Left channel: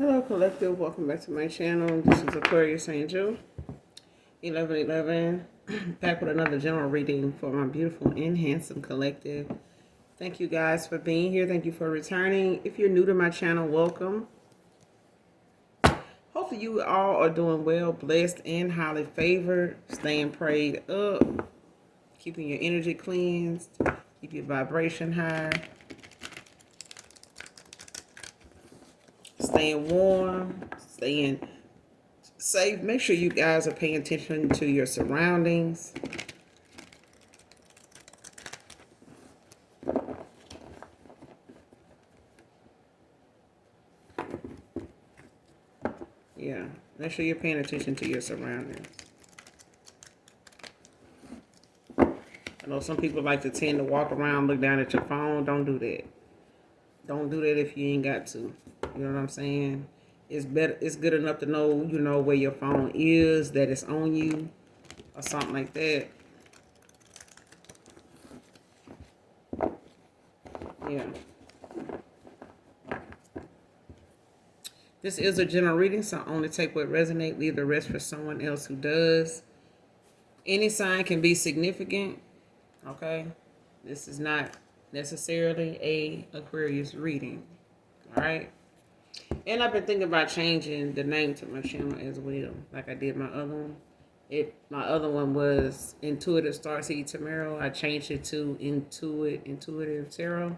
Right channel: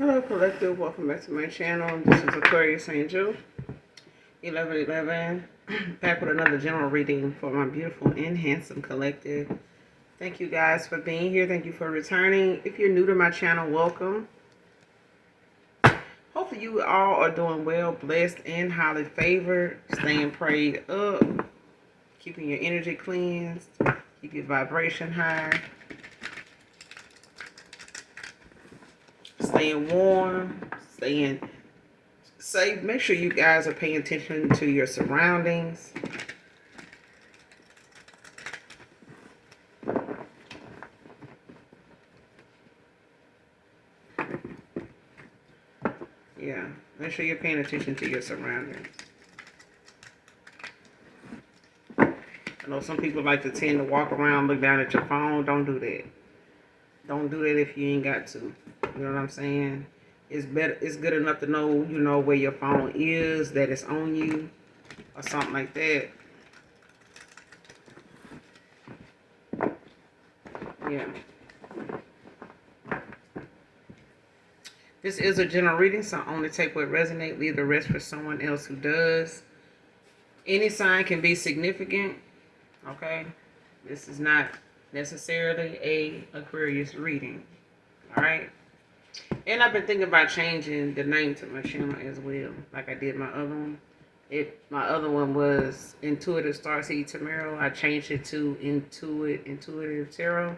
Hello Collective, welcome back to my channel. This is Aquarius Angel 1111, back with another general reading for my beautiful and handsome collective. Thank you guys for being here. Thank you for returning. If you're new to my channel, welcome. Hopefully you all are doing well, blessed, and highly favored. Staying prayed up, keeping your energy cleansed, keep your vibration high. Staying warm, staying safe. Make sure you guys are paying attention to your surroundings. Yeah, make sure you're paying attention to your surroundings. I know some people like to tend to walk around, look down at your phone. Don't do that. Don't do that if you ain't got to. You know what I'm saying? It's better. It's good enough to know, where your phone is, that it's on you, or something like that. Yeah. This is a general reading, so only take what resonates. Leave the rest for someone else who does. Any sign can be significant. Okay, this is not necessarily a Aquarius reading. All right. And I've been thinking about changing the name to my channel as well, like I did my other one. My other one was Intuitive Starseed Tarot. I changed it to Intuitive Tarot.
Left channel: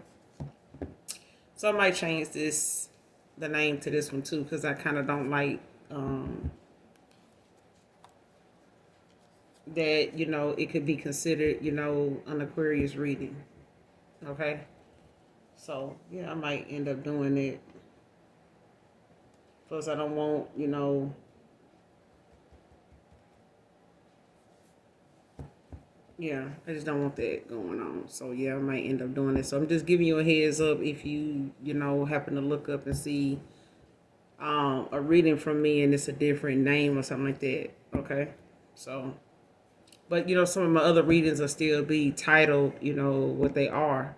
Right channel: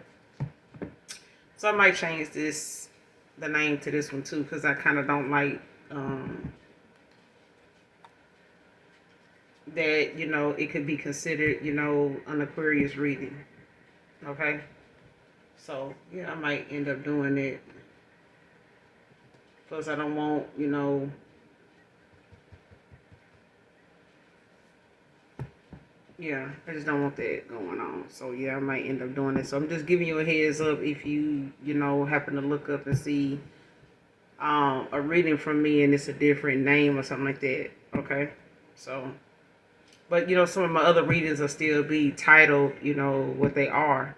So I might change the name to this one too, because I kind of don't like that, it could be considered, an Aquarius reading. Okay. So yeah, I might end up doing it. Plus, I don't want, yeah, I just don't want that going on. So yeah, I might end up doing it. So I'm just giving you a heads up if you, happen to look up and see a reading from me and it's a different name or something like that. Okay. So, but some of my other readings will still be titled, what they are,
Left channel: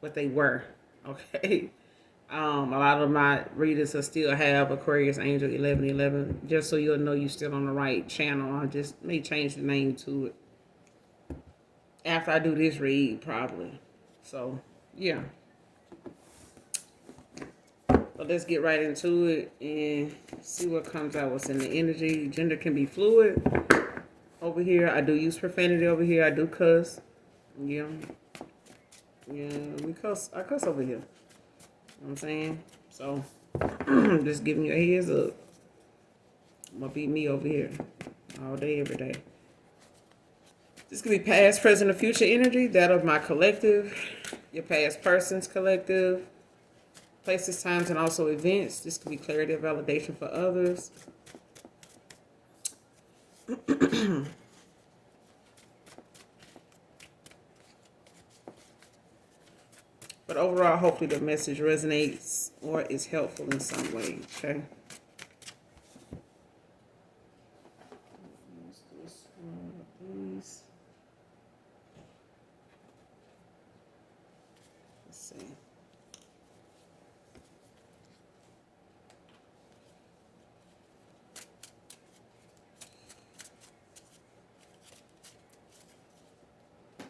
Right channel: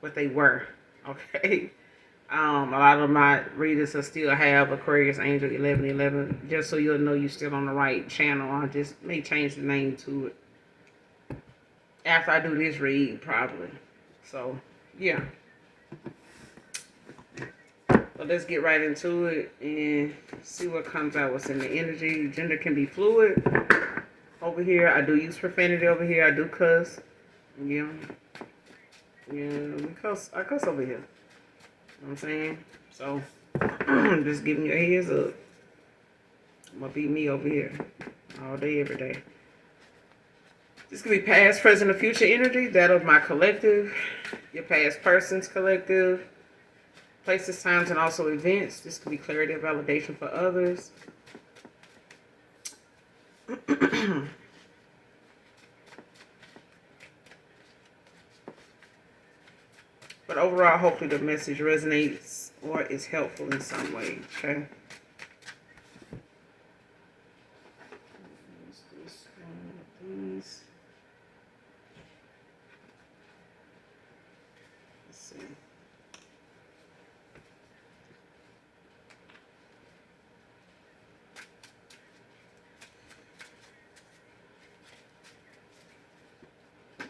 what they were. Okay. A lot of my readers will still have Aquarius Angel 1111, just so you'll know you're still on the right channel. I just may change the name to it after I do this read, probably. So, yeah. But let's get right into it and see what comes out, what's in the energy. Gender can be fluid. Over here, I do use profanity over here. I do cuss. Yeah. Yeah, I cuss over here. You know what I'm saying? So, just giving you a heads up. I'm gonna be me over here all day, every day. This could be past, present, or future energy. That of my collective, your past person's collective, places, times, and also events. This could be clarity or validation for others. But overall, hopefully the message resonates or is helpful in some way. Okay. This one of these. Let's see.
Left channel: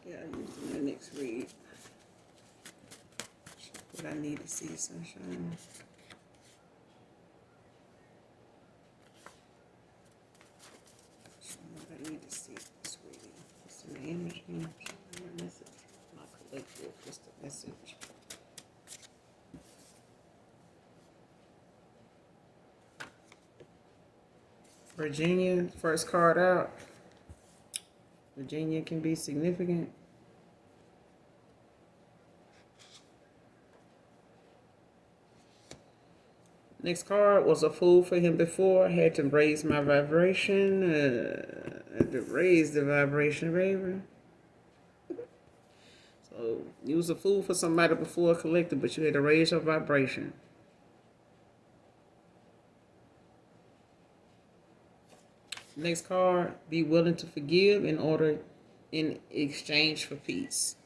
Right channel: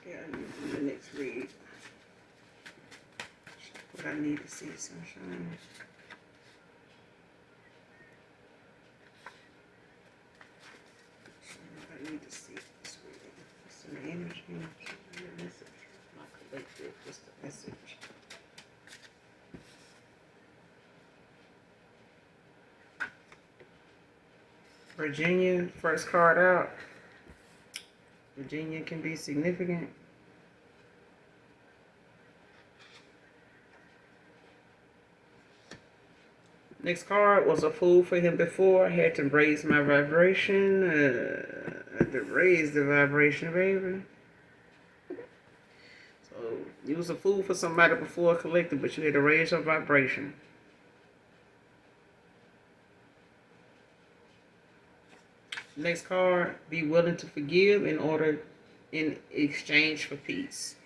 Yeah, I'm using the next read. What I need to see, sunshine. I need to see this reading. What's in the energy? Message. My collective. What's the message? Virginia, first card out. Virginia can be significant. Next card was a fool for him before. I had to raise my vibration. I had to raise the vibration, baby. So you was a fool for somebody before, collective, but you had to raise your vibration. Next card, be willing to forgive in exchange for peace.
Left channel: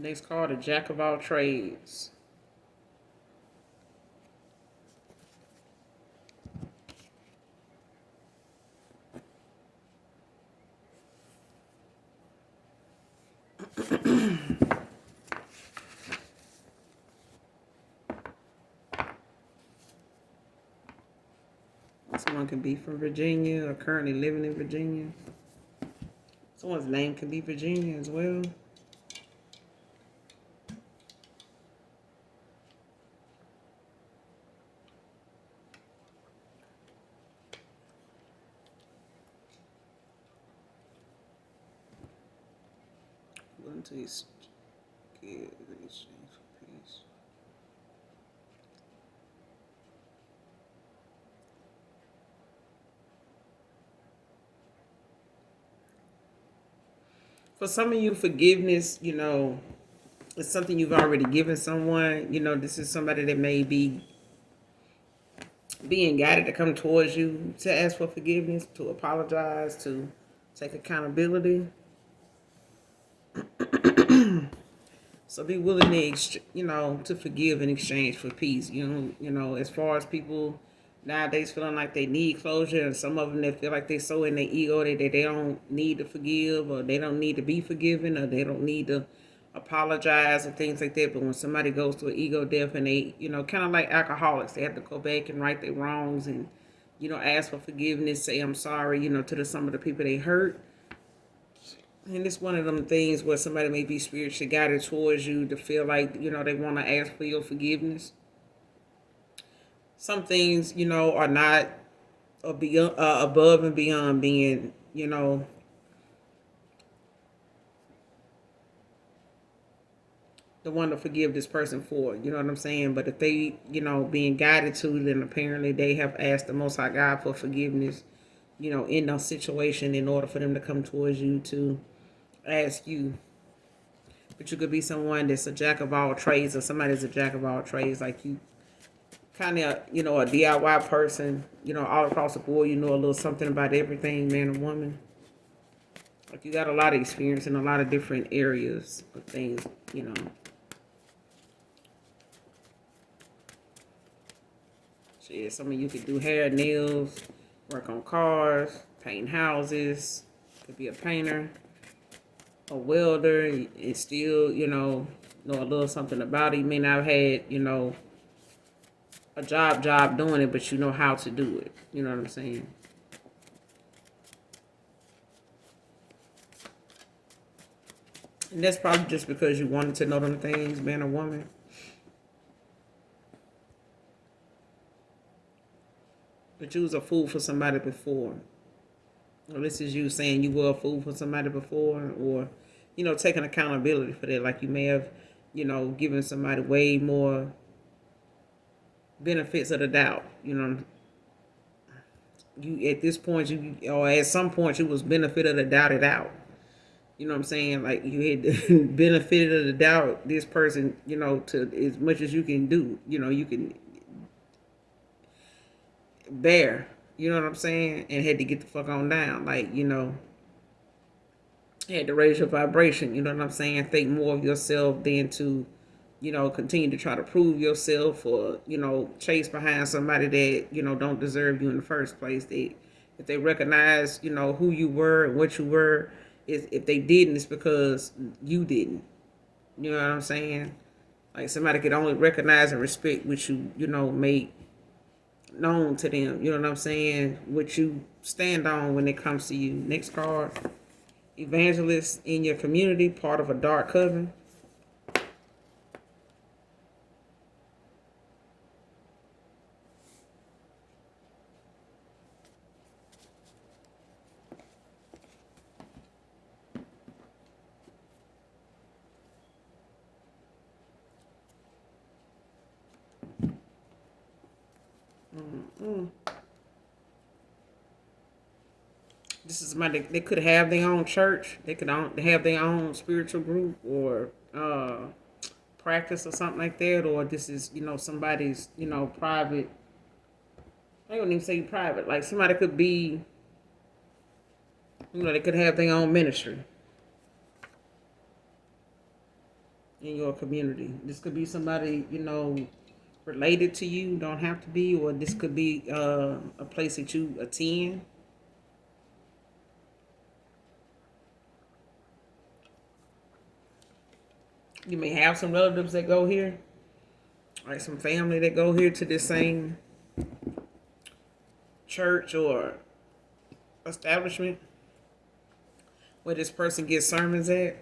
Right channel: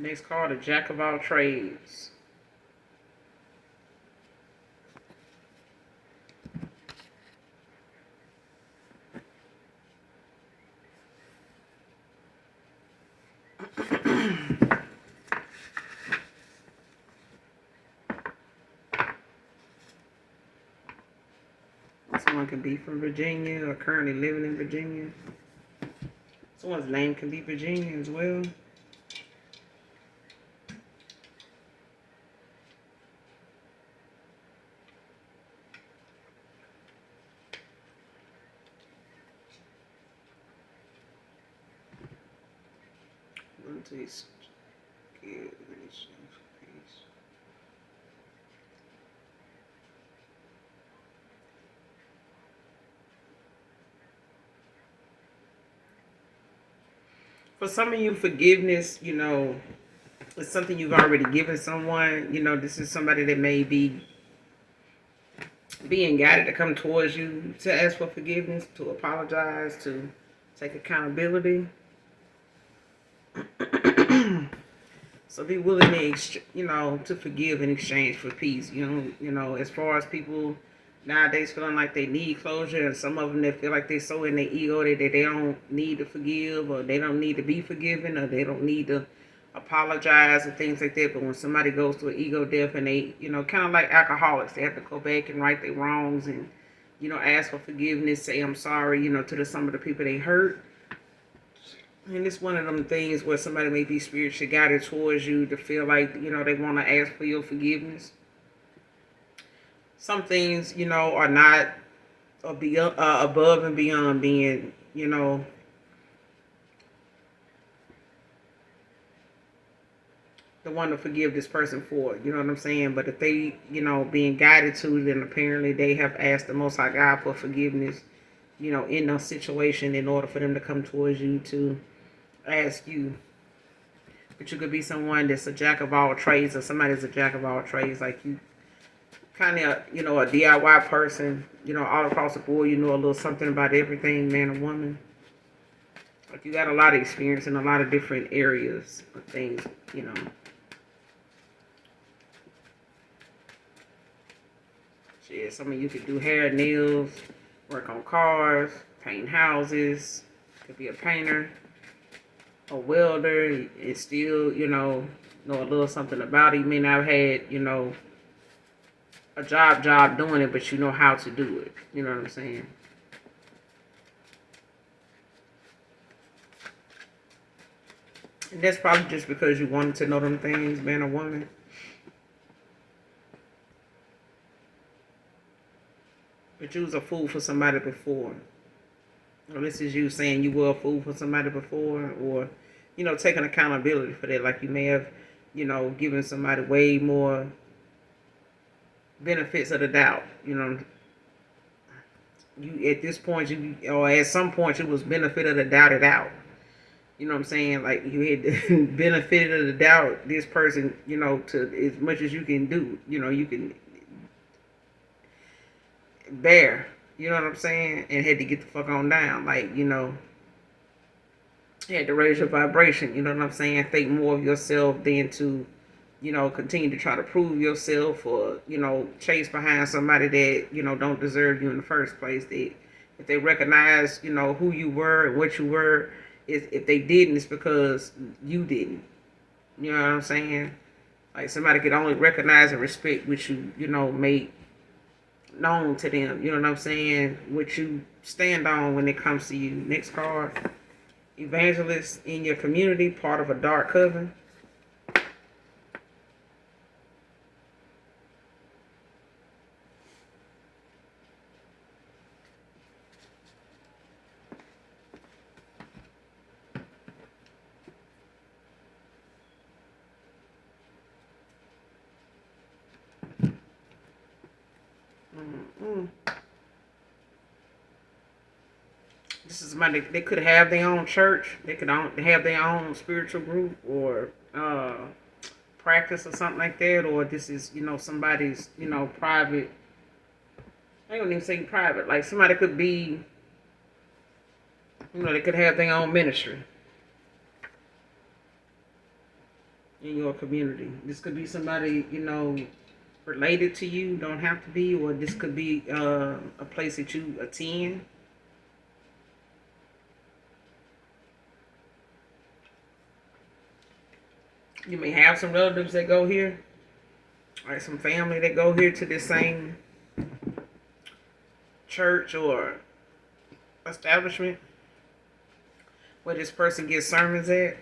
Next card, a jack of all trades. Someone could be from Virginia or currently living in Virginia. Someone's name could be Virginia as well. One, two, give peace. For some of you, forgiveness, it's something you've already given someone. This is somebody that may be being guided to come towards you to ask for forgiveness, to apologize, to take accountability. So be willing to forgive in exchange for peace. As far as people nowadays feeling like they need closure, and some of them that feel like they're so in their ego that they don't need to forgive, or they don't need to be forgiven, or they don't need to apologize and things like that. But when somebody goes through an ego death and they, kind of like alcoholics, they have to go back and right their wrongs and, ask for forgiveness, say I'm sorry, to some of the people they hurt. And it's one of them things where somebody may be spiritually guided towards you to feel like, they want to ask for your forgiveness. Some things, are not above and beyond being, the one to forgive this person for. You know what I'm saying? But if they, being guided to, then apparently they have asked the Most High God for forgiveness, in a situation in order for them to come towards you to ask you. But you could be someone that's a jack of all trades, or somebody's a jack of all trades, like you kind of, a DIY person, all across the board, a little something about everything, man or woman. Like you got a lot of experience in a lot of different areas of things, So yeah, some of you could do hair, nails, work on cars, paint houses, could be a painter, a welder, and still, know a little something about it. You may not have had, a job doing it, but you know how to do it. You know what I'm saying? And that's probably just because you wanted to know them things, man or woman. But you was a fool for somebody before. Or this is you saying you were a fool for somebody before, or, taking accountability for that. Like you may have, given somebody way more benefits of the doubt. You at this point, or at some point, you was benefit of the doubted out. You know what I'm saying? Like you had the benefit of the doubt this person, to as much as you can do. You can bear. You know what I'm saying? And had to get the fuck on down. Like, had to raise your vibration. You know what I'm saying? Think more of yourself than to, continue to try to prove yourself, or, chase behind somebody that, don't deserve you in the first place. If they recognize, who you were and what you were, if they didn't, it's because you didn't. You know what I'm saying? Like somebody could only recognize and respect what you, made known to them. You know what I'm saying? What you stand on when it comes to you. Next card. Evangelist in your community, part of a dark coven. This is somebody, they could have their own church. They could have their own spiritual group, or practice or something like that. Or this is, somebody's, private. I don't even say private. Like somebody could be, they could have their own ministry. in your community. This could be somebody, related to you, don't have to be, or this could be a place that you attend. You may have some relatives that go here, like some family that go here to the same church or establishment where this person gets sermons at.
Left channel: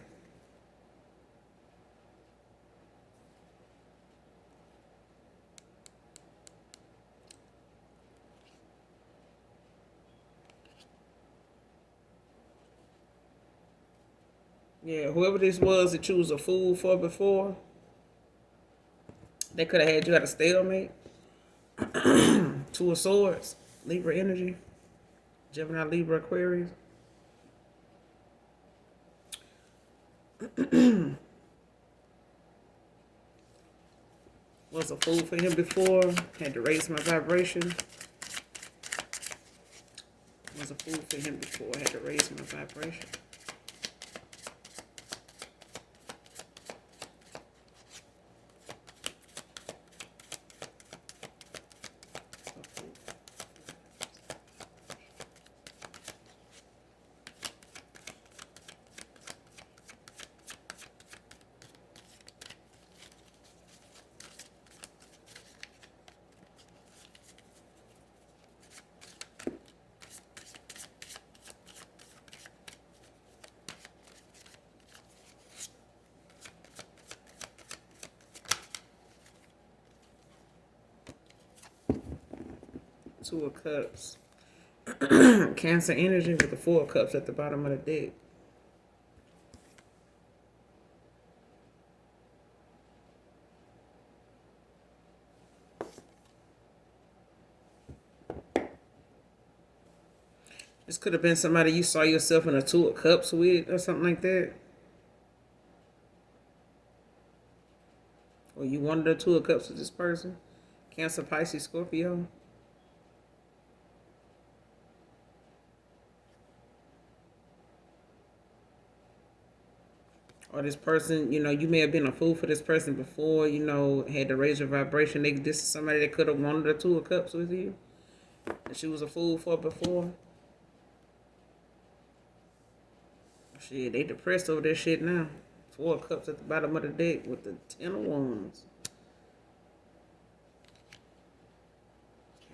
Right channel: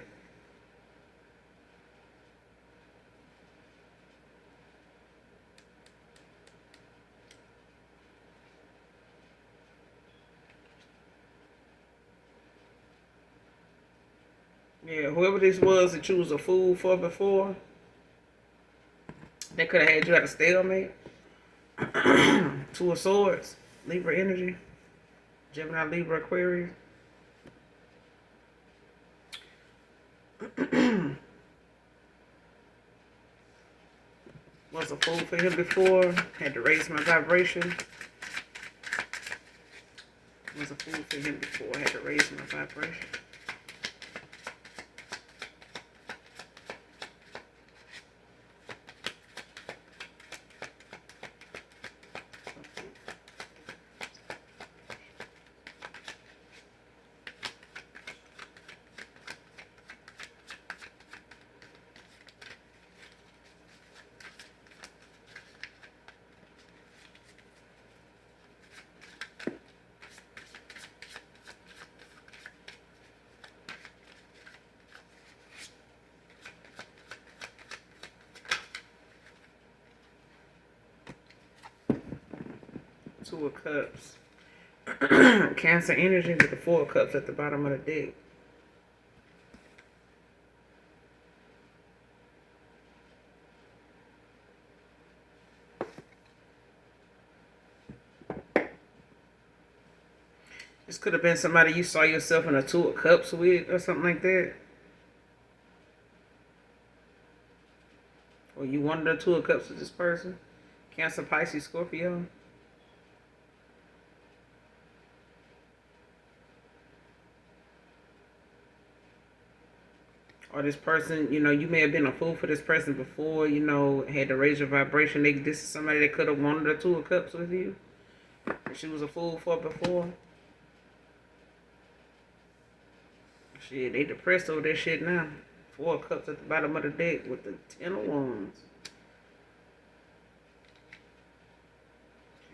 Yeah, whoever this was that you was a fool for before, they could have had you at a stalemate. Two of Swords, Libra energy, Gemini, Libra, Aquarius. Was a fool for him before, had to raise my vibration. Was a fool for him before, had to raise my vibration. Two of Cups. Cancer energy with the Four of Cups at the bottom of the deck. This could have been somebody you saw yourself in a Two of Cups with or something like that. Or you wanted a Two of Cups with this person. Cancer, Pisces, Scorpio. Or this person, you may have been a fool for this person before, had to raise your vibration. This is somebody that could have wanted a Two of Cups with you. That she was a fool for before. Shit, they depressed over that shit now. Four of Cups at the bottom of the deck with the Ten of Wands.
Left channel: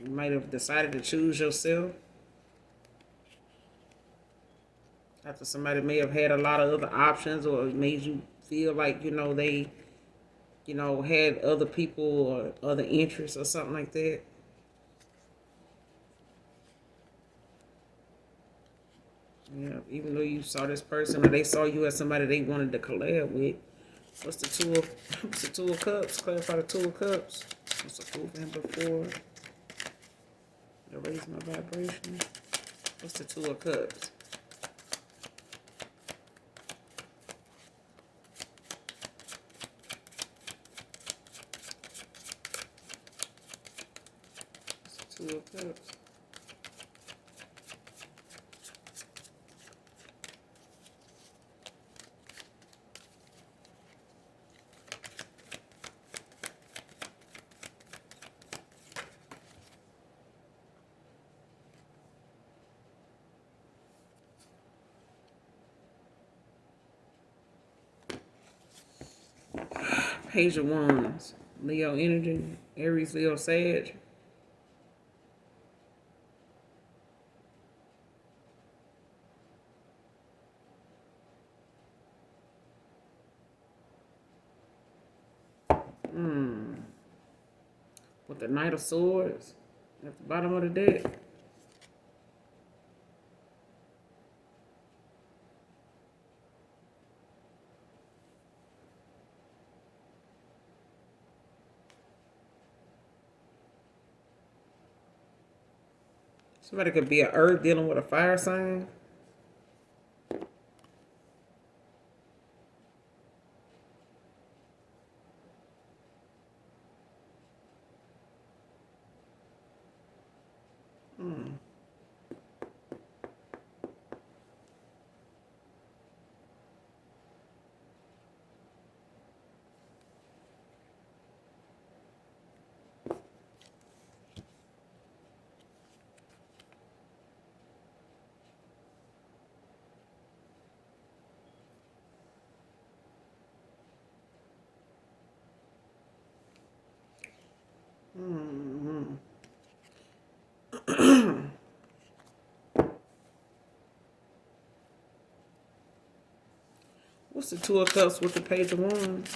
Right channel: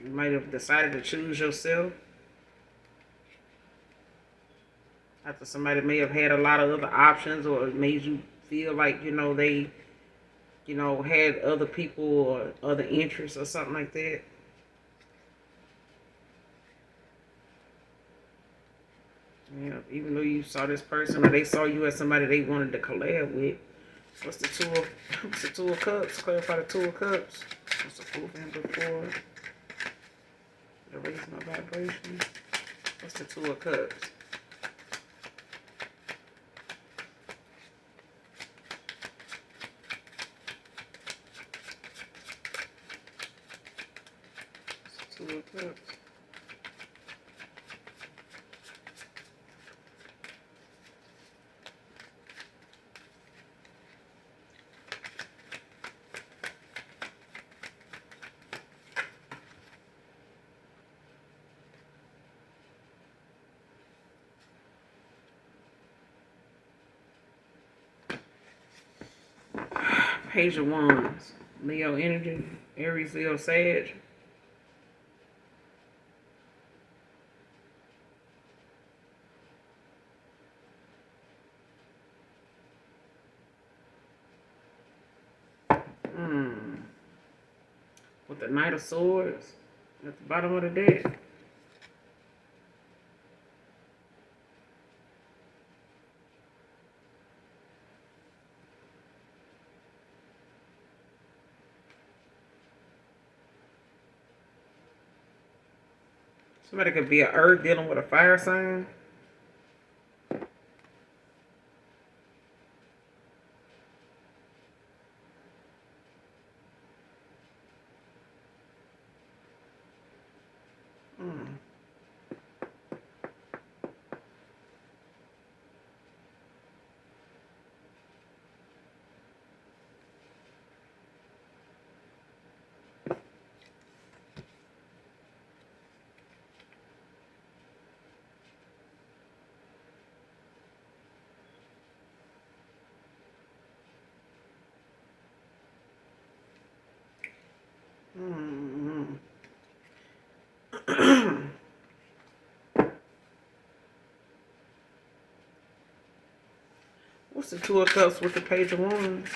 You might have decided to choose yourself after somebody may have had a lot of other options, or it made you feel like, they, had other people or other interests or something like that. Yeah, even though you saw this person or they saw you as somebody they wanted to collab with. What's the Two of Cups? Clarify the Two of Cups. What's the Fool for him before? I raise my vibration. What's the Two of Cups? What's the Two of Cups? Page of Wands. Leo energy. Aries, Leo, Sag. With the Knight of Swords at the bottom of the deck. Somebody could be an earth dealing with a fire sign. Mm-hmm. What's the Two of Cups with the Page of Wands?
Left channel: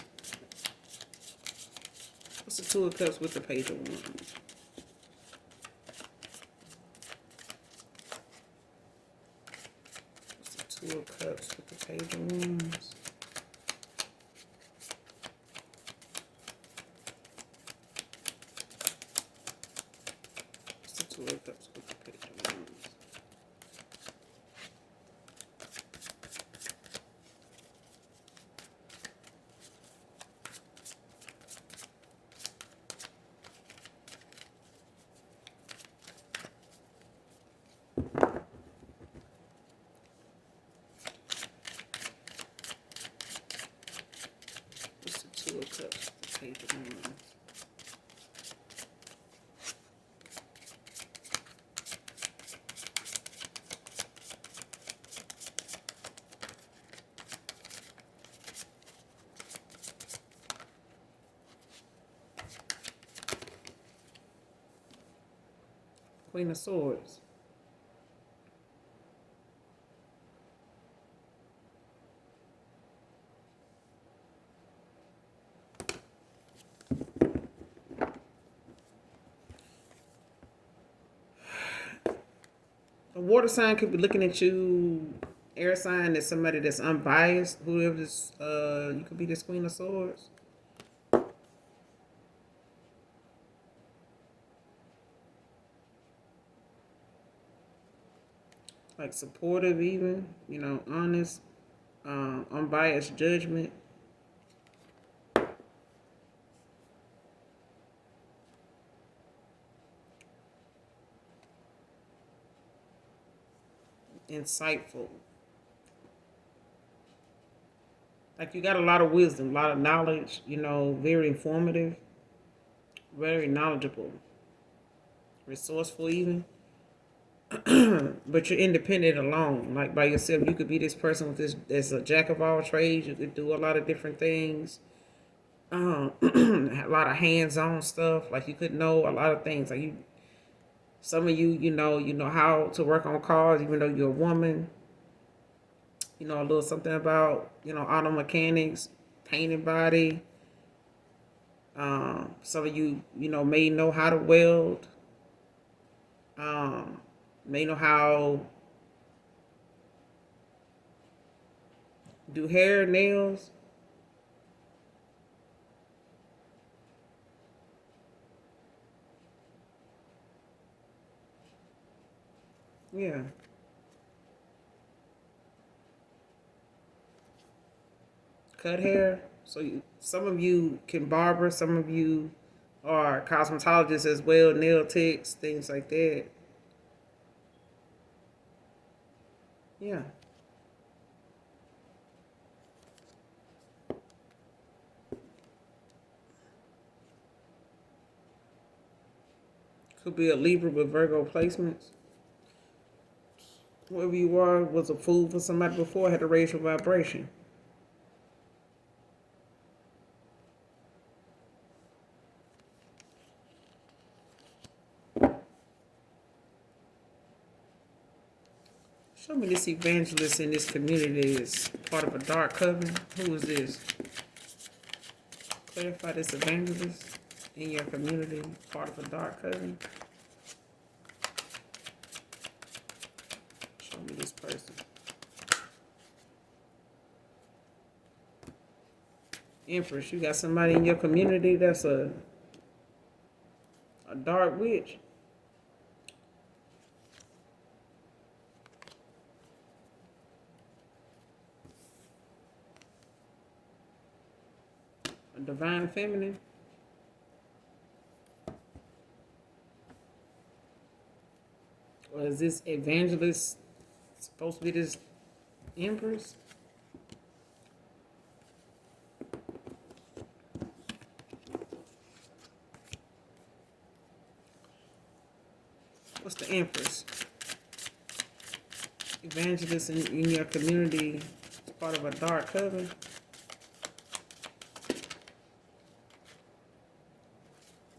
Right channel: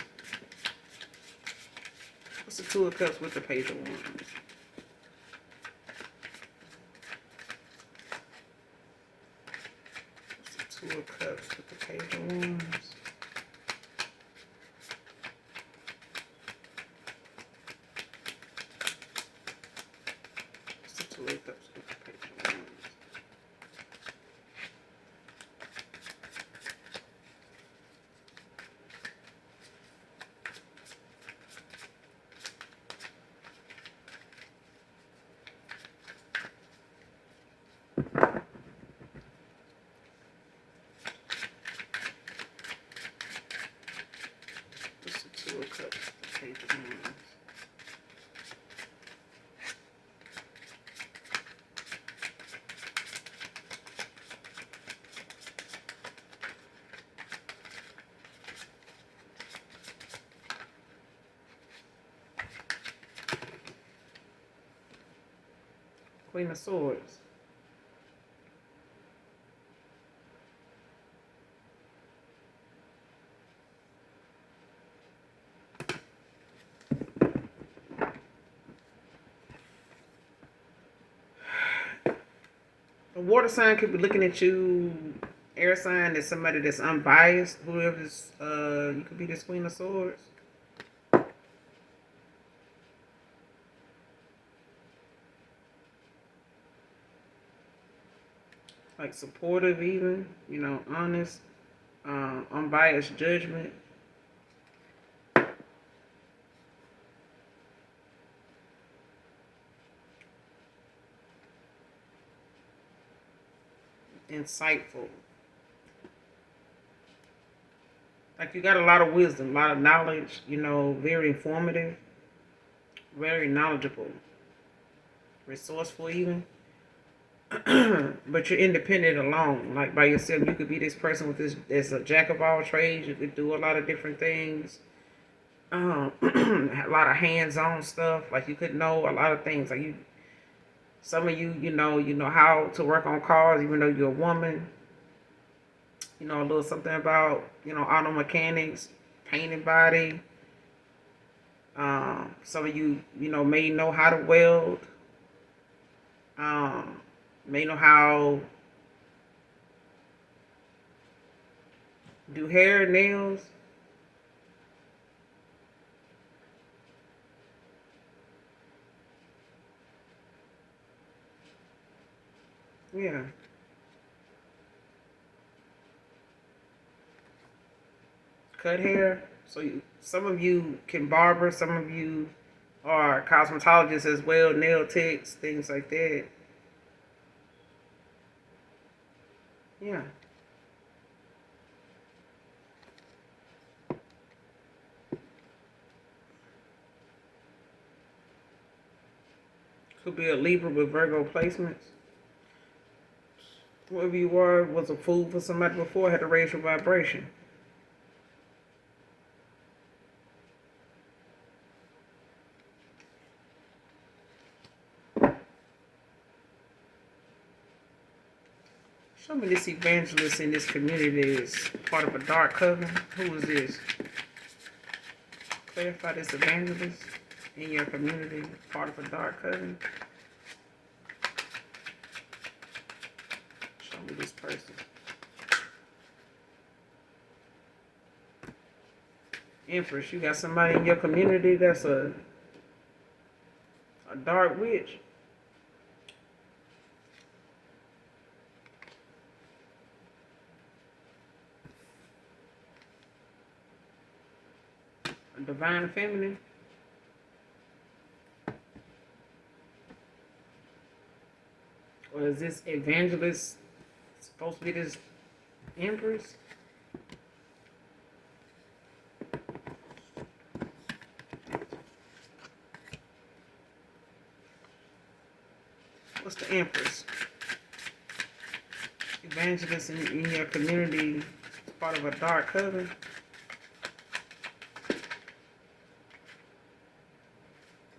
What's the Two of Cups with the Page of Wands? What's the Two of Cups with the Page of Wands? What's the Two of Cups with the Page of Wands? What's the Two of Cups with the Page of Wands? Queen of Swords. A water sign could be looking at you. Air sign is somebody that's unbiased. Whoever this, you could be this Queen of Swords. Like supportive, even, you know, honest, unbiased judgment. Insightful. Like you got a lot of wisdom, a lot of knowledge, you know, very informative, very knowledgeable, resourceful even. But you're independent alone, like by yourself. You could be this person with this as a jack of all trades. You could do a lot of different things. A lot of hands-on stuff. Like you could know a lot of things. Like you, some of you, you know how to work on cars, even though you're a woman. You know a little something about, you know, auto mechanics, painting body. Some of you, you know, may know how to weld. Um, may know how do hair, nails. Yeah. Cut hair. So you, some of you can barber, some of you are cosmetologists as well, nail techs, things like that. Yeah. Could be a Libra with Virgo placements. Whoever you are was a fool for somebody before, had to raise your vibration. Show me this evangelist in this community is part of a dark coven. Who is this? Clarify this evangelist in your community, part of a dark coven. Show me this person. Empress, you got somebody in your community that's a dark witch. A divine feminine. Or is this evangelist supposed to be this empress? What's the empress? Evangelist in your community is part of a dark coven.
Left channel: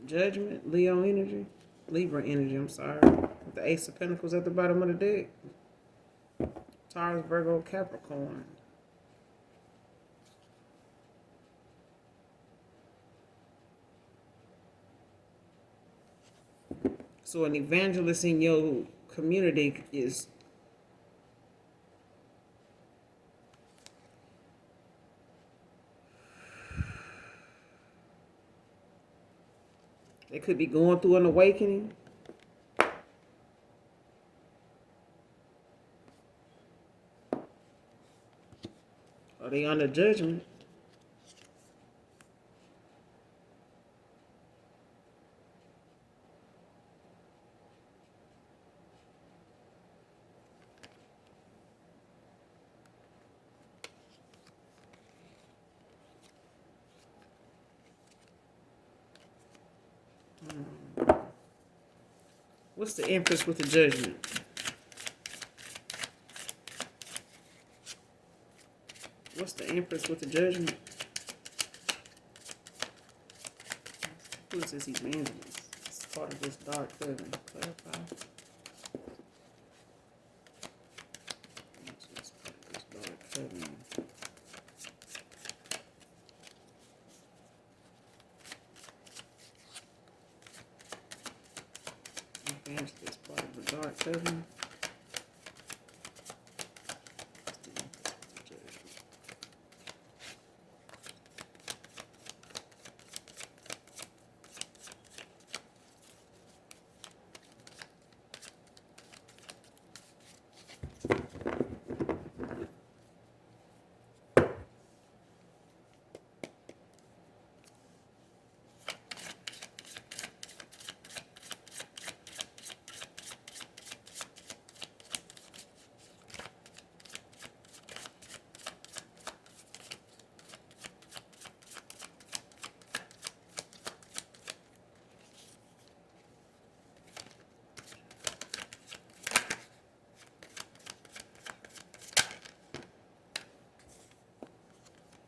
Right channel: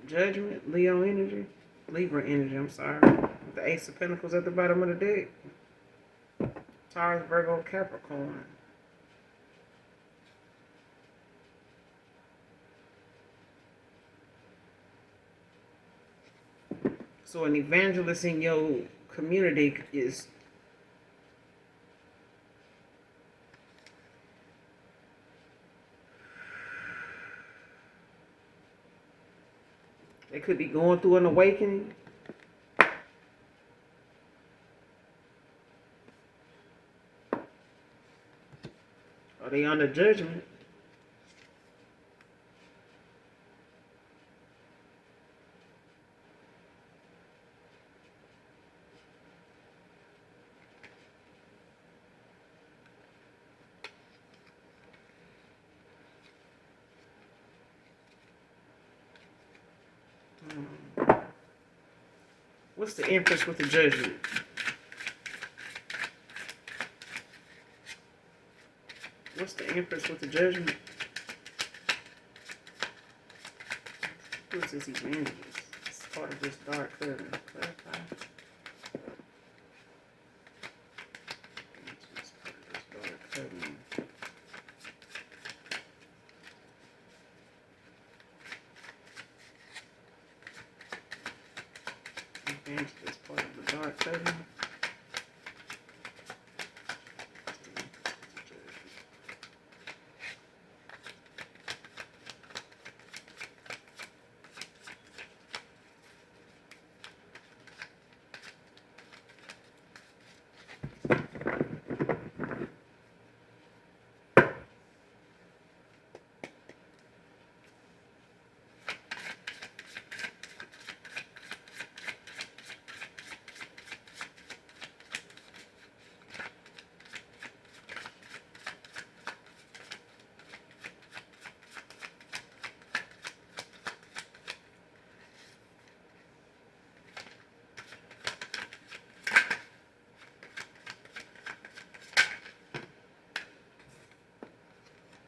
Judgment, Leo energy, Libra energy, I'm sorry. The Ace of Pentacles at the bottom of the deck. Taurus, Virgo, Capricorn. So an evangelist in your community is they could be going through an awakening. Are they under judgment? What's the Empress with the judgment? What's the Empress with the judgment? Who's this evangelist? It's part of this dark curtain. Evangelist, part of the dark curtain.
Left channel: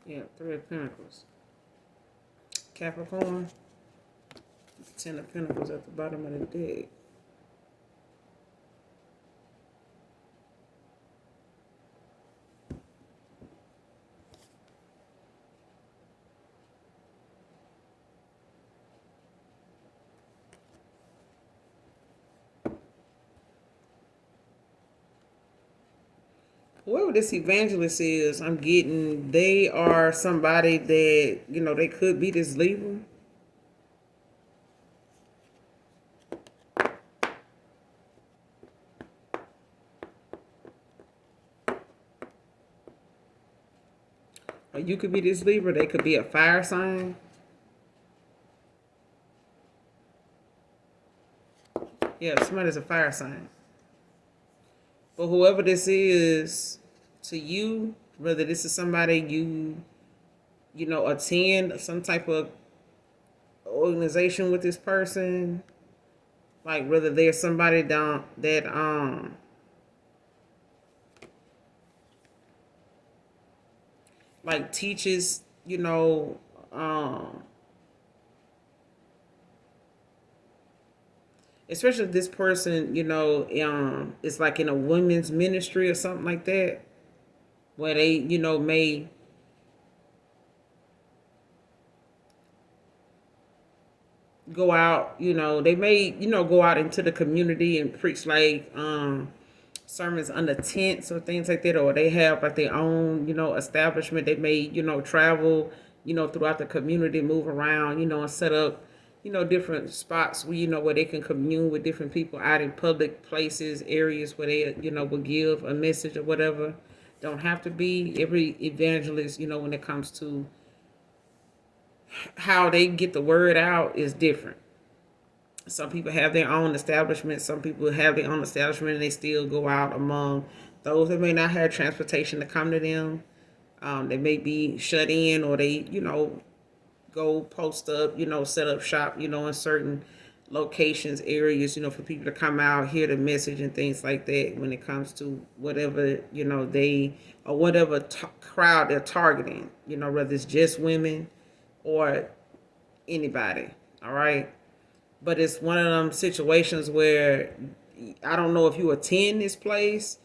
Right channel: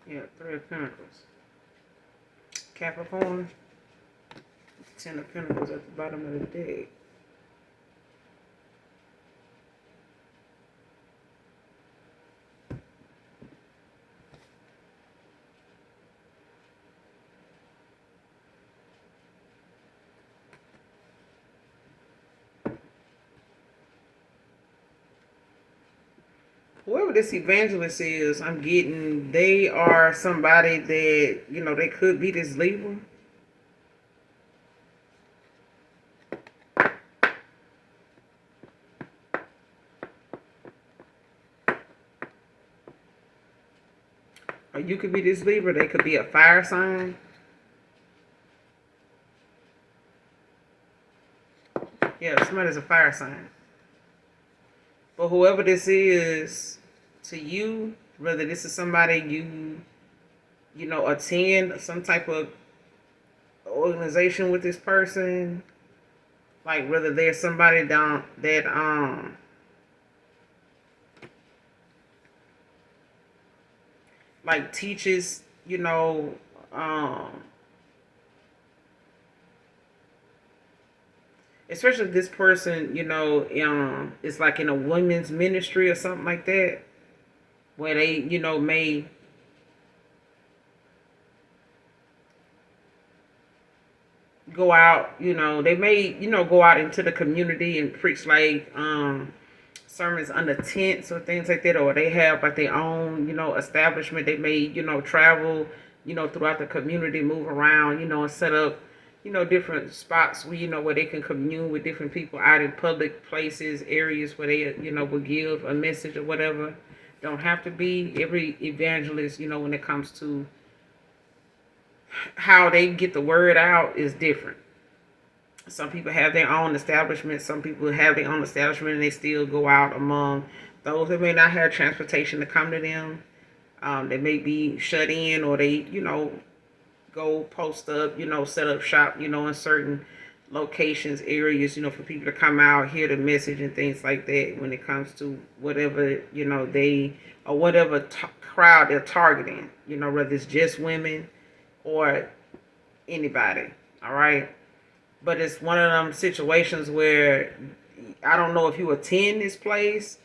Yeah, Three of Pentacles. Capricorn. Ten of Pentacles at the bottom of the deck. Whoever this evangelist is, I'm getting, they are somebody that, they could be this Libra. Or you could be this Libra. They could be a fire sign. Yeah, somebody's a fire sign. But whoever this is to you, whether this is somebody attend some type of organization with this person, like whether there's somebody down that like teaches, especially this person, is like in a women's ministry or something like that, where they, may go out, they may, go out into the community and preach like sermons under tents or things like that, or they have like their own, establishment. They may, travel, throughout the community, move around, and set up, different spots where, where they can commune with different people out in public places, areas where they, will give a message or whatever. Don't have to be every evangelist, when it comes to how they get the word out is different. Some people have their own establishment. Some people have their own establishment and they still go out among those that may not have transportation to come to them. They may be shut in, or they, go post up, set up shop, in certain locations, areas, for people to come out, hear the message and things like that when it comes to whatever, they, or whatever crowd they're targeting, whether it's just women or anybody. All right. but it's one of them situations where I don't know if you attend this place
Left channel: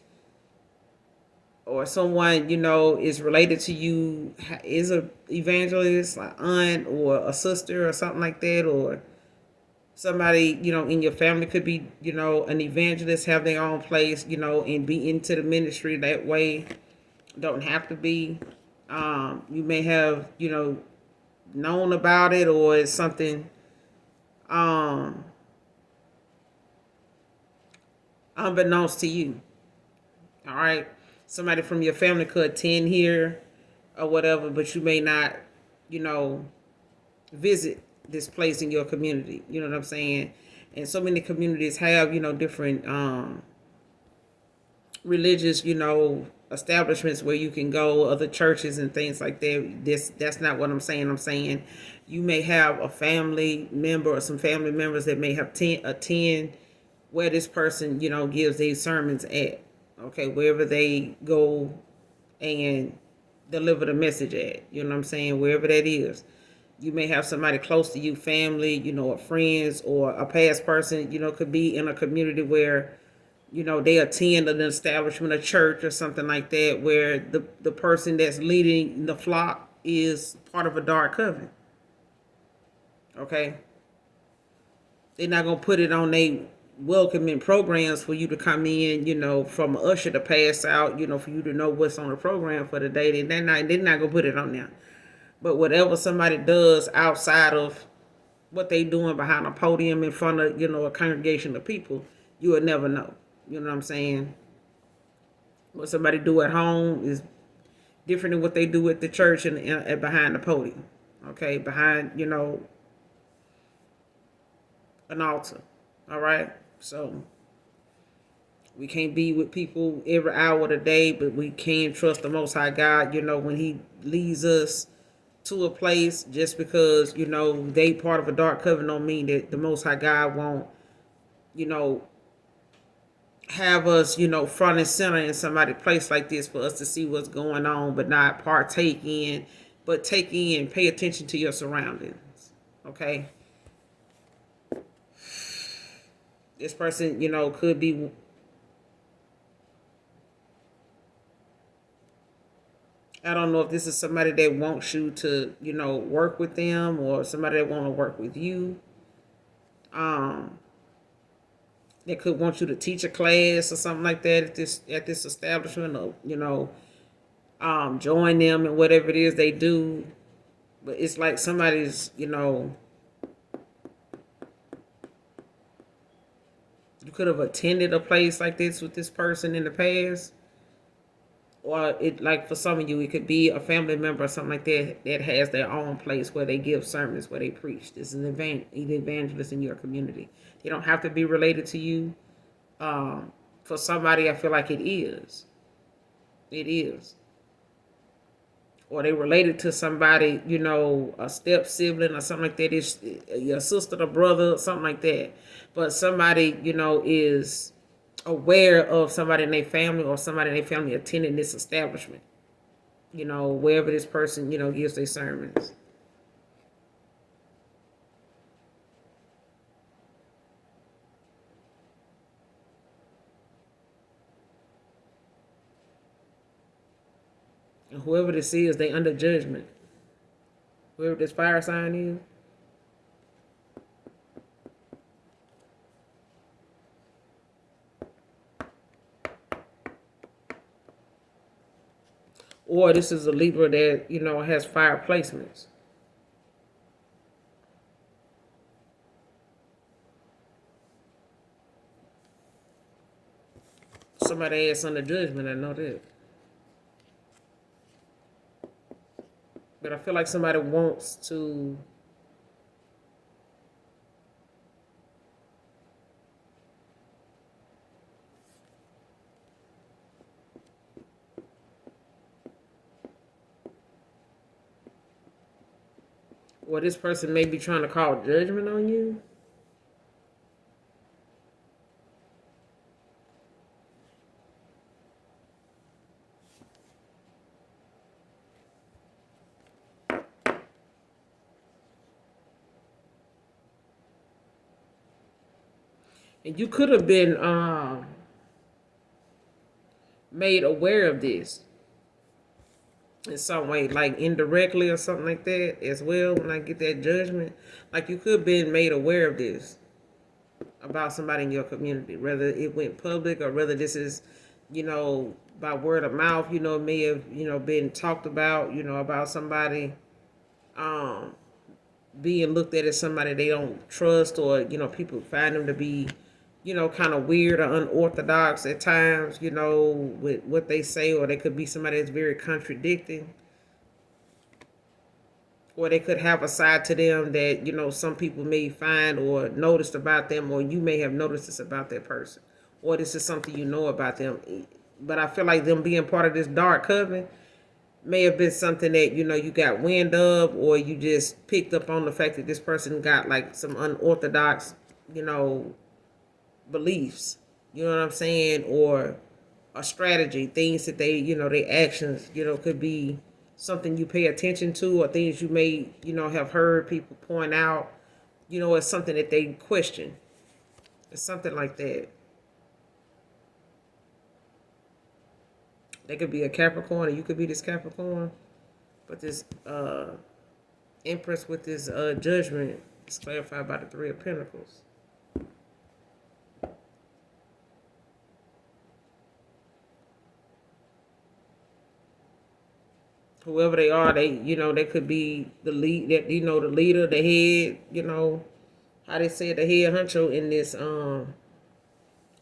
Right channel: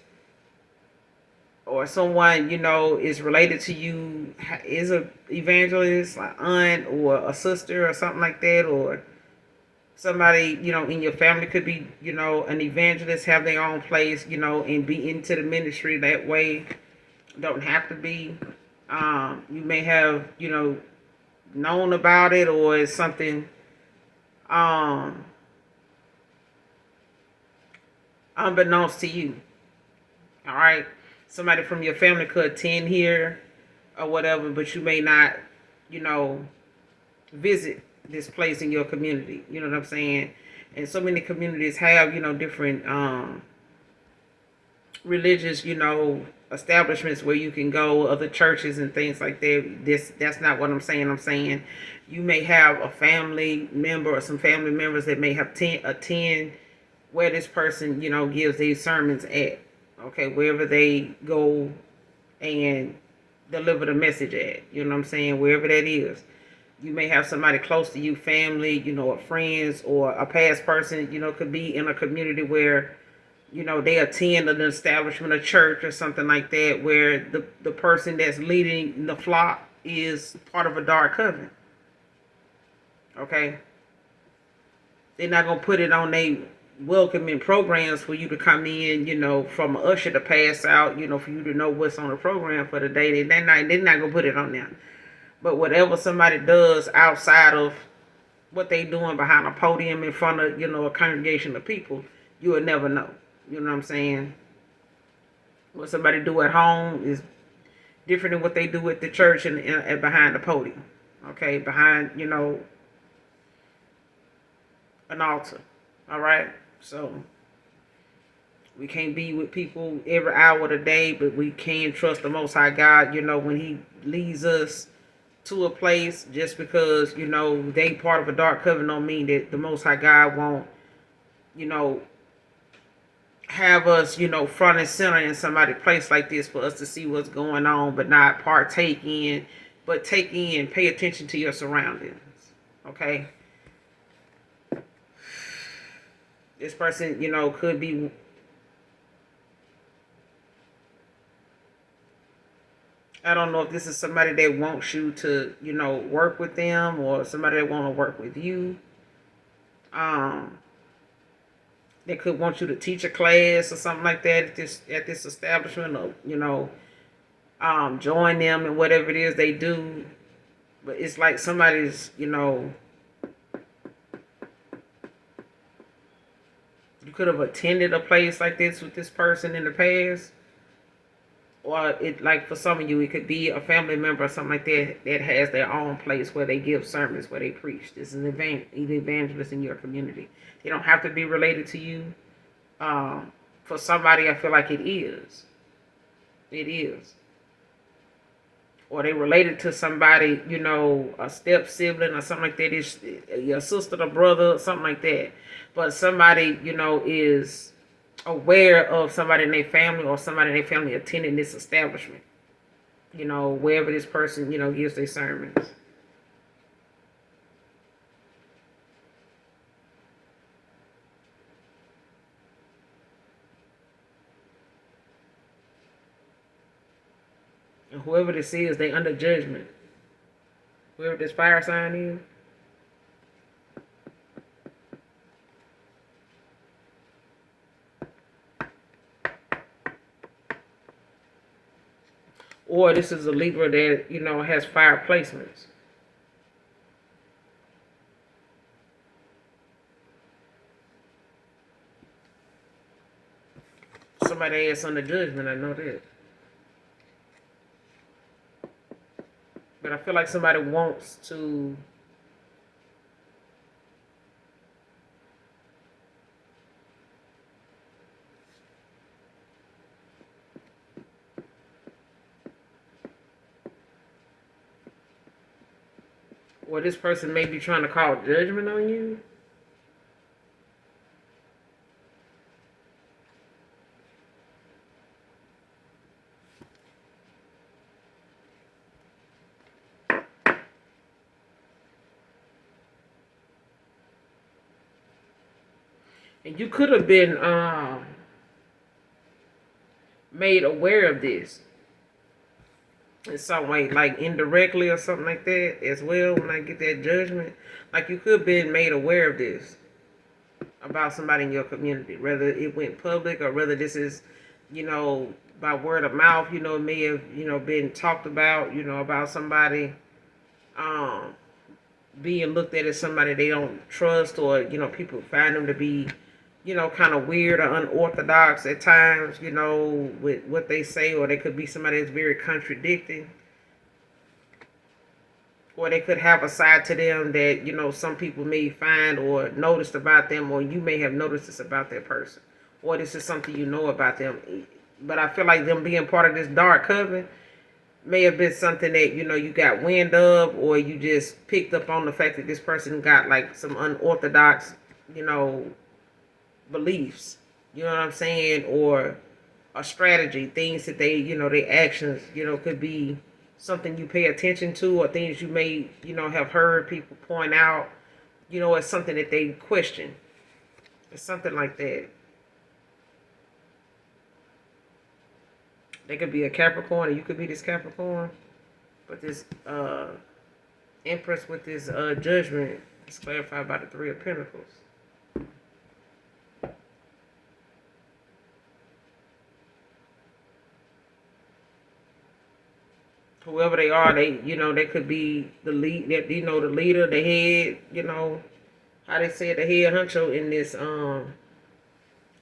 or someone is related to you, is a evangelist, like aunt or a sister or something like that, or somebody in your family could be an evangelist, have their own place, and be into the ministry that way. Don't have to be. You may have known about it, or it's something um unbeknownst to you. All right, somebody from your family could attend here or whatever, but you may not, you know, visit this place in your community. You know what I'm saying? And so many communities have, different religious, establishments where you can go, other churches and things like that. That's not what I'm saying. I'm saying you may have a family member or some family members that may have attend where this person, gives these sermons at. Okay, wherever they go and deliver the message at. You know what I'm saying? Wherever that is. You may have somebody close to you, family, or friends, or a past person, could be in a community where, they attend an establishment, a church or something like that, where the person that's leading the flock is part of a dark covenant. Okay? They're not going to put it on their welcoming programs for you to come in, from an usher to pass out, for you to know what's on the program for the day. They're not going to put it on there. But whatever somebody does outside of what they doing behind a podium in front of, a congregation of people, you will never know. You know what I'm saying? What somebody do at home is different than what they do at the church and behind the podium. Okay, behind, an altar. All right? So we can't be with people every hour of the day, but we can trust the Most High God, when He leads us to a place. Just because, they part of a dark covenant don't mean that the Most High God won't, you know, have us, front and center in somebody's place like this for us to see what's going on, but not partake in, but take in, pay attention to your surroundings. Okay? This person, could be, I don't know if this is somebody that wants you to, work with them, or somebody that want to work with you. Um, they could want you to teach a class or something like that at this establishment, or join them in whatever it is they do. But it's like somebody's, you could have attended a place like this with this person in the past, or it, like for some of you, it could be a family member or something like that that has their own place where they give sermons, where they preach. This is an evangelist in your community. They don't have to be related to you. For somebody, I feel like it is. It is. Or they related to somebody, a step sibling or something like that. It's your sister or brother, something like that. But somebody, is aware of somebody in their family, or somebody in their family attending this establishment, wherever this person, gives their sermons. And whoever this is, they under judgment. Whoever this fire sign is. Or this is a Libra that, has fire placements. Somebody that's under judgment, I know that. But I feel like somebody wants to or this person may be trying to call judgment on you. And you could have been made aware of this in some way, like indirectly or something like that as well. When I get that judgment, like you could have been made aware of this about somebody in your community, whether it went public or whether this is, by word of mouth, may have, been talked about, about somebody um, being looked at as somebody they don't trust, or, people find them to be, kind of weird or unorthodox at times, with what they say, or they could be somebody that's very contradicting, or they could have a side to them that some people may find or noticed about them, or you may have noticed this about that person, or this is something about them. But I feel like them being part of this dark coven may have been something that you got wind of, or you just picked up on the fact that this person got like some unorthodox you know beliefs, you know what I'm saying, or a strategy, things that they, their actions, could be something you pay attention to, or things you may, have heard people point out, it's something that they question. It's something like that. They could be a Capricorn, and you could be this Capricorn, but this Empress with this judgment is clarified by the Three of Pentacles. Whoever they are, they could be the lead, that the leader, the head, how they said, the head honcho in this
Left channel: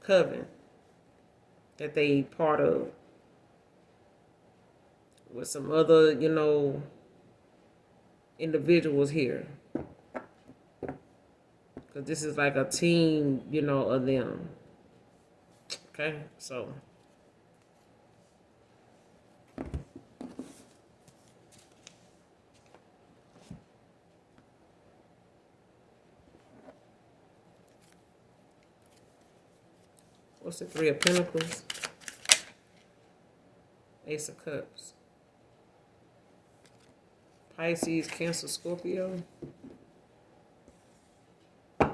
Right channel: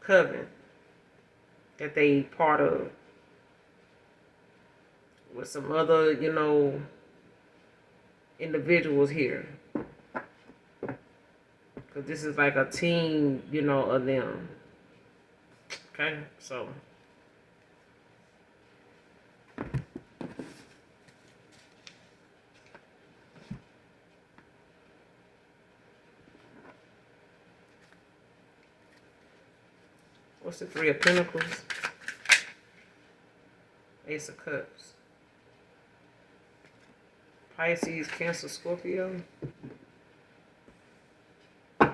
coven that they part of, with some other individuals here, because this is like a team of them. Okay, so what's the Three of Pentacles? Ace of Cups. Pisces, Cancer, Scorpio. I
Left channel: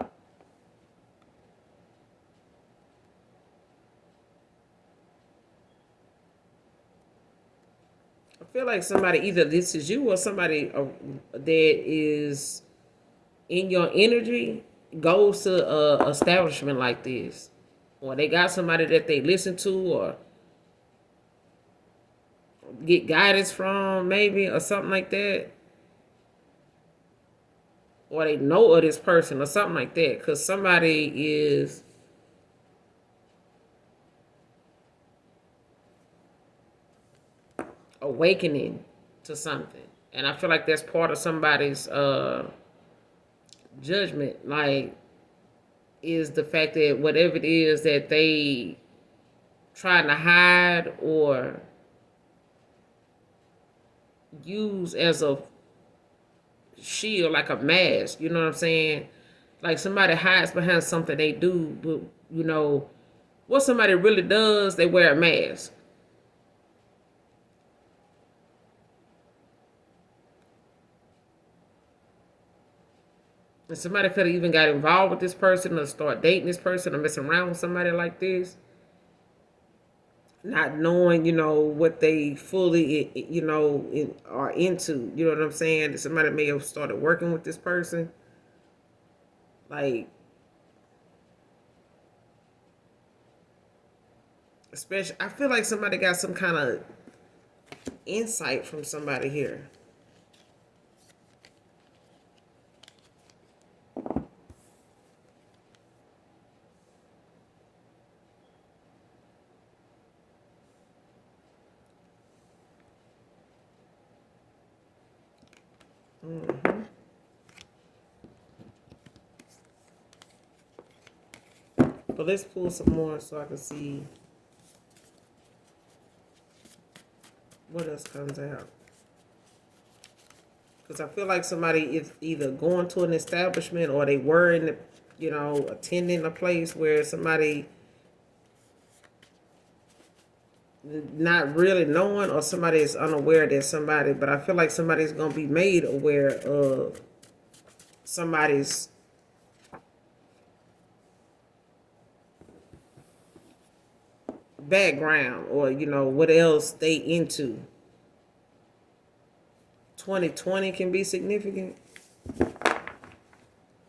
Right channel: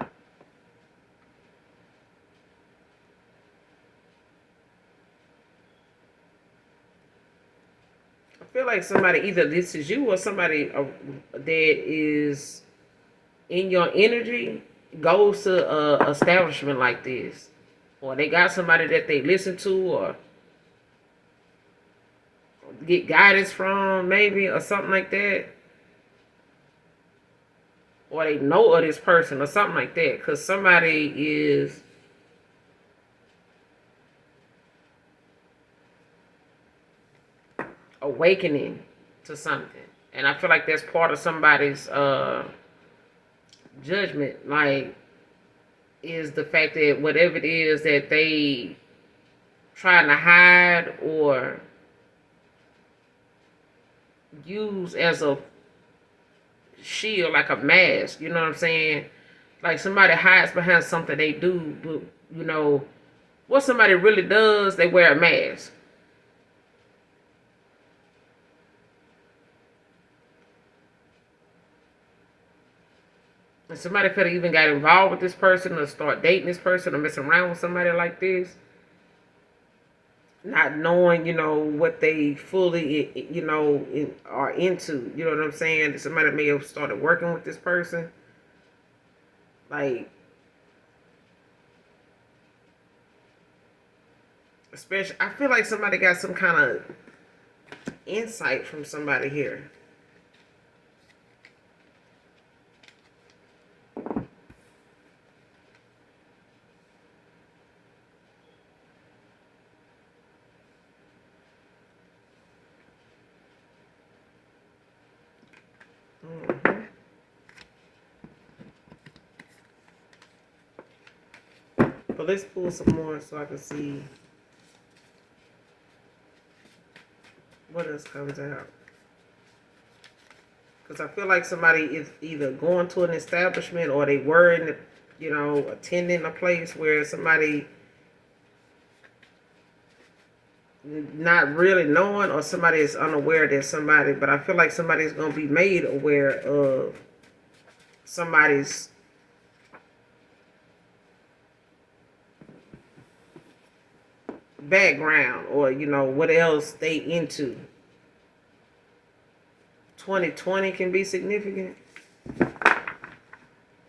feel like somebody, either this is you or somebody that is in your energy, goes to a establishment like this, or they got somebody that they listen to or get guidance from, maybe, or something like that, or they know of this person or something like that, because somebody is awakening to something, and I feel like that's part of somebody's judgment, like, is the fact that whatever it is that they trying to hide or use as a shield, like a mask, you know what I'm saying? Like somebody hides behind something they do, but what somebody really does, they wear a mask. And somebody could have even got involved with this person, or start dating this person, or messing around with somebody like this, not knowing, what they fully, are into. You know what I'm saying? Somebody may have started working with this person, like, especially, I feel like somebody got some kind of insight from somebody here. Mm-hmm. But let's pull some more so I can see what else comes out. Because I feel like somebody is either going to an establishment, or they were in attending a place where somebody not really knowing, or somebody is unaware that somebody, but I feel like somebody's going to be made aware of somebody's background or what else they into. 2020 can be significant.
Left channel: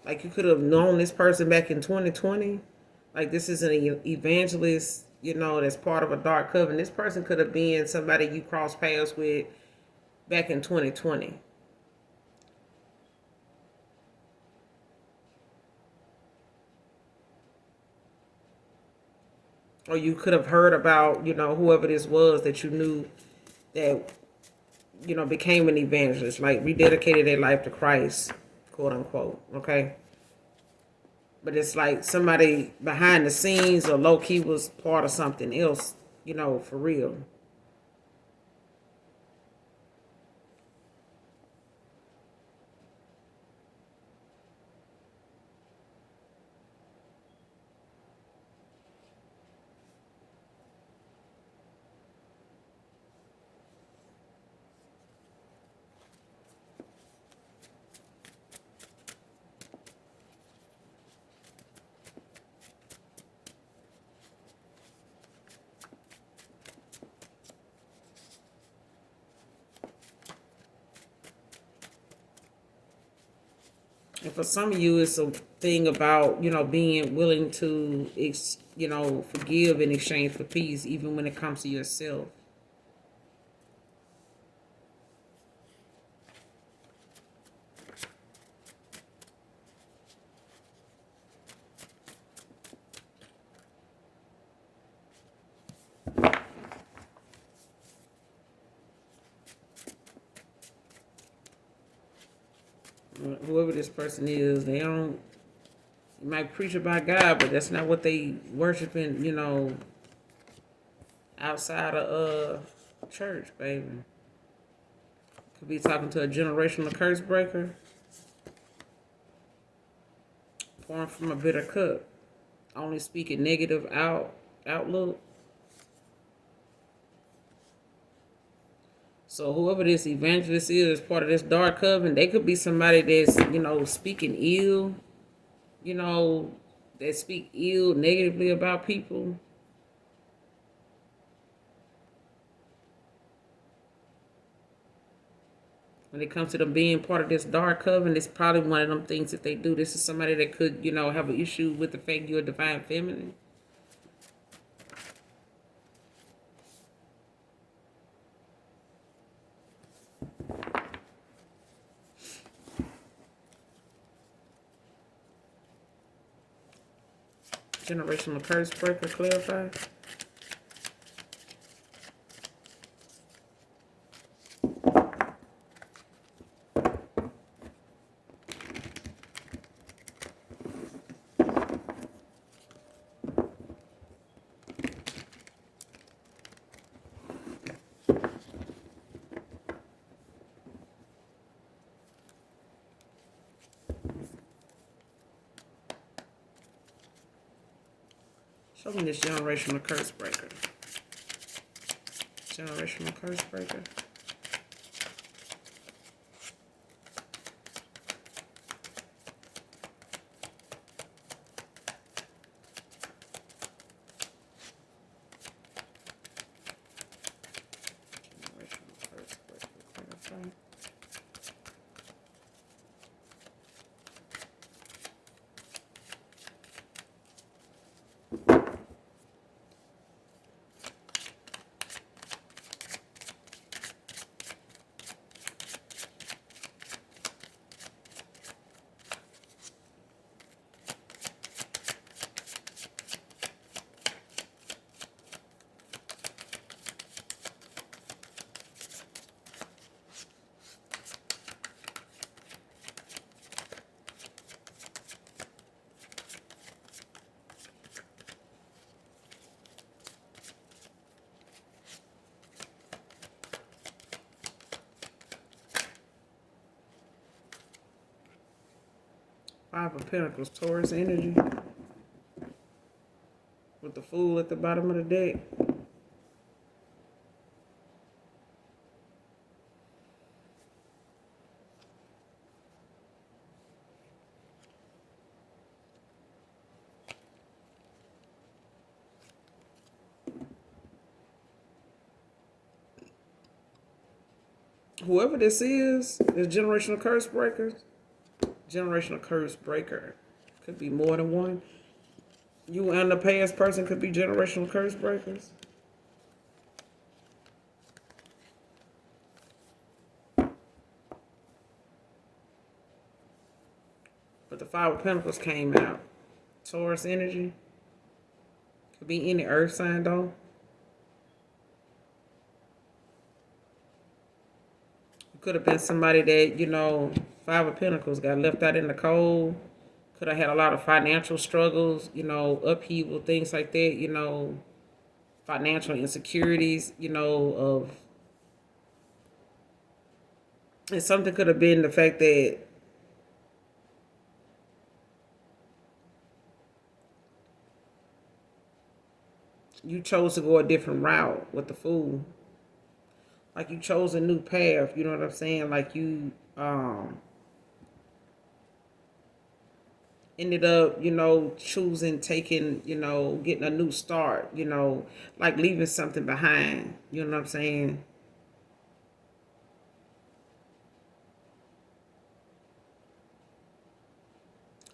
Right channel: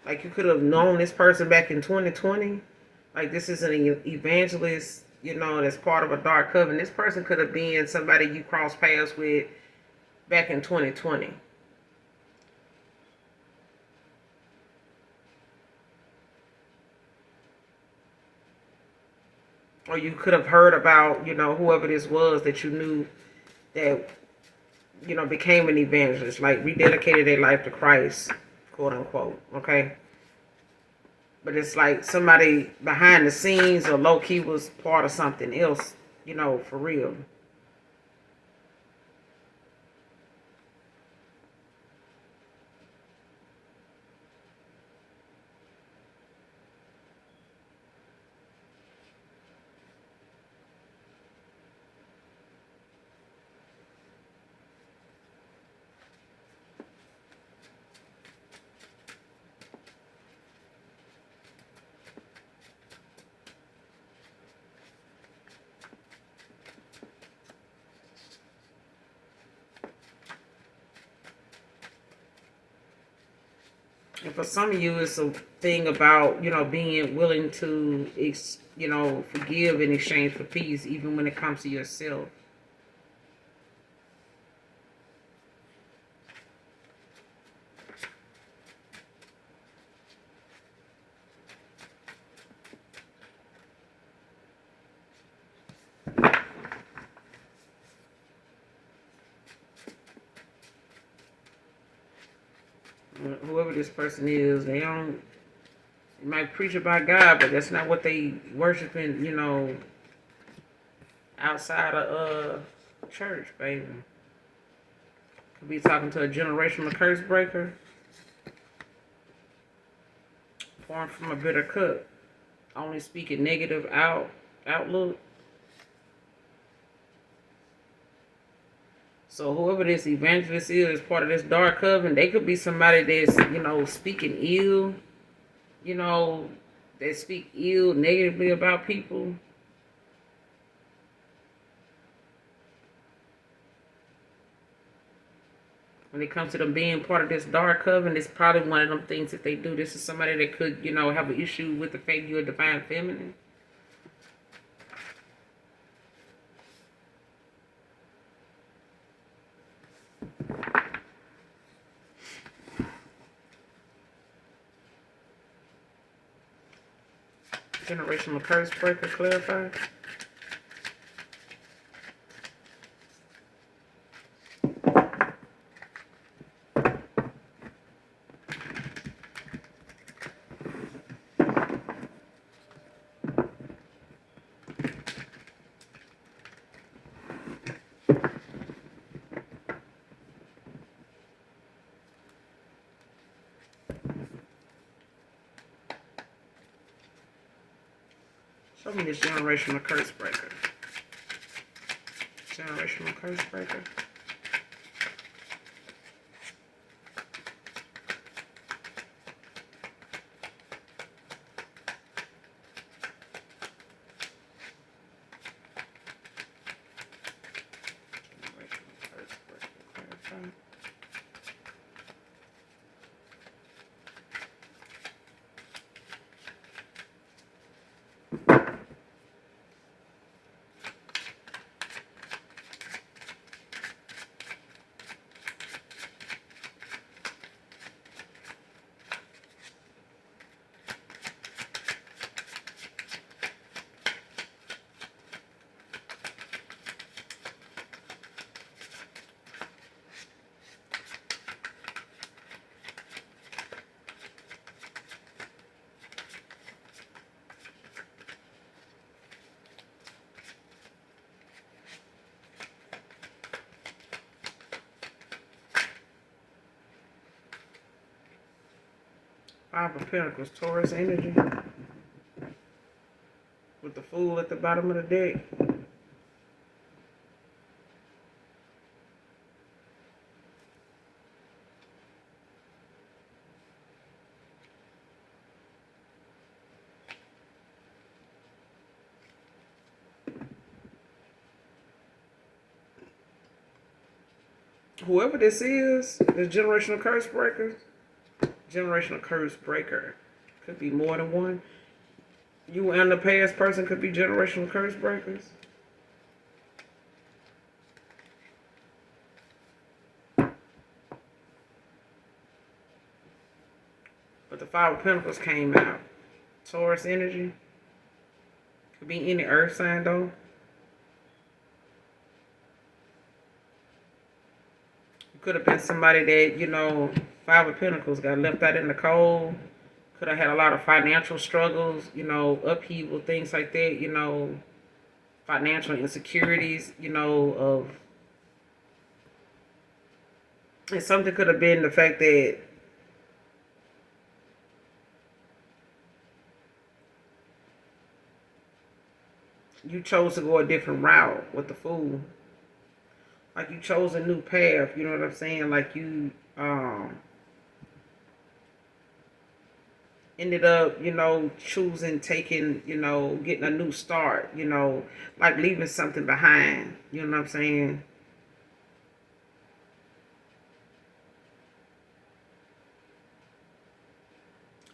Like you could have known this person back in 2020. Like this is an evangelist, that's part of a dark coven. This person could have been somebody you crossed paths with back in 2020. Or you could have heard about, whoever this was that you knew that, became an evangelist, like rededicated their life to Christ, quote unquote. Okay. But it's like somebody behind the scenes or low key was part of something else, for real. And for some of you, it's a thing about, being willing to, forgive in exchange for peace, even when it comes to yourself. Whoever this person is, they might preach about God, but that's not what they worshiping, outside of church, baby. Could be talking to a generational curse breaker, born from a bitter cup, only speaking negative outlook. So whoever this evangelist is part of this dark coven, they could be somebody that's, speaking ill, you know, that speak ill negatively about people. When it comes to them being part of this dark coven, it's probably one of them things that they do. This is somebody that could, have an issue with the fact you're a divine feminine. Generational curse breaker, clarify. Show me this generational curse breaker. Generational curse breaker. Five of Pentacles, Taurus energy. With the Fool at the bottom of the deck. Whoever this generational curse breaker, generational curse breaker, could be more than one. You and the past person could be generational curse breakers. But the Five of Pentacles came out. Taurus energy. Could be any earth sign though. It could have been somebody that, Five of Pentacles got left out in the cold. Could have had a lot of financial struggles, upheaval, things like that, financial insecurities, of, and something could have been the fact that you chose to go a different route with the Fool. Like you chose a new path, you know what I'm saying? Like you ended up, choosing, taking, getting a new start, like leaving something behind, you know what I'm saying?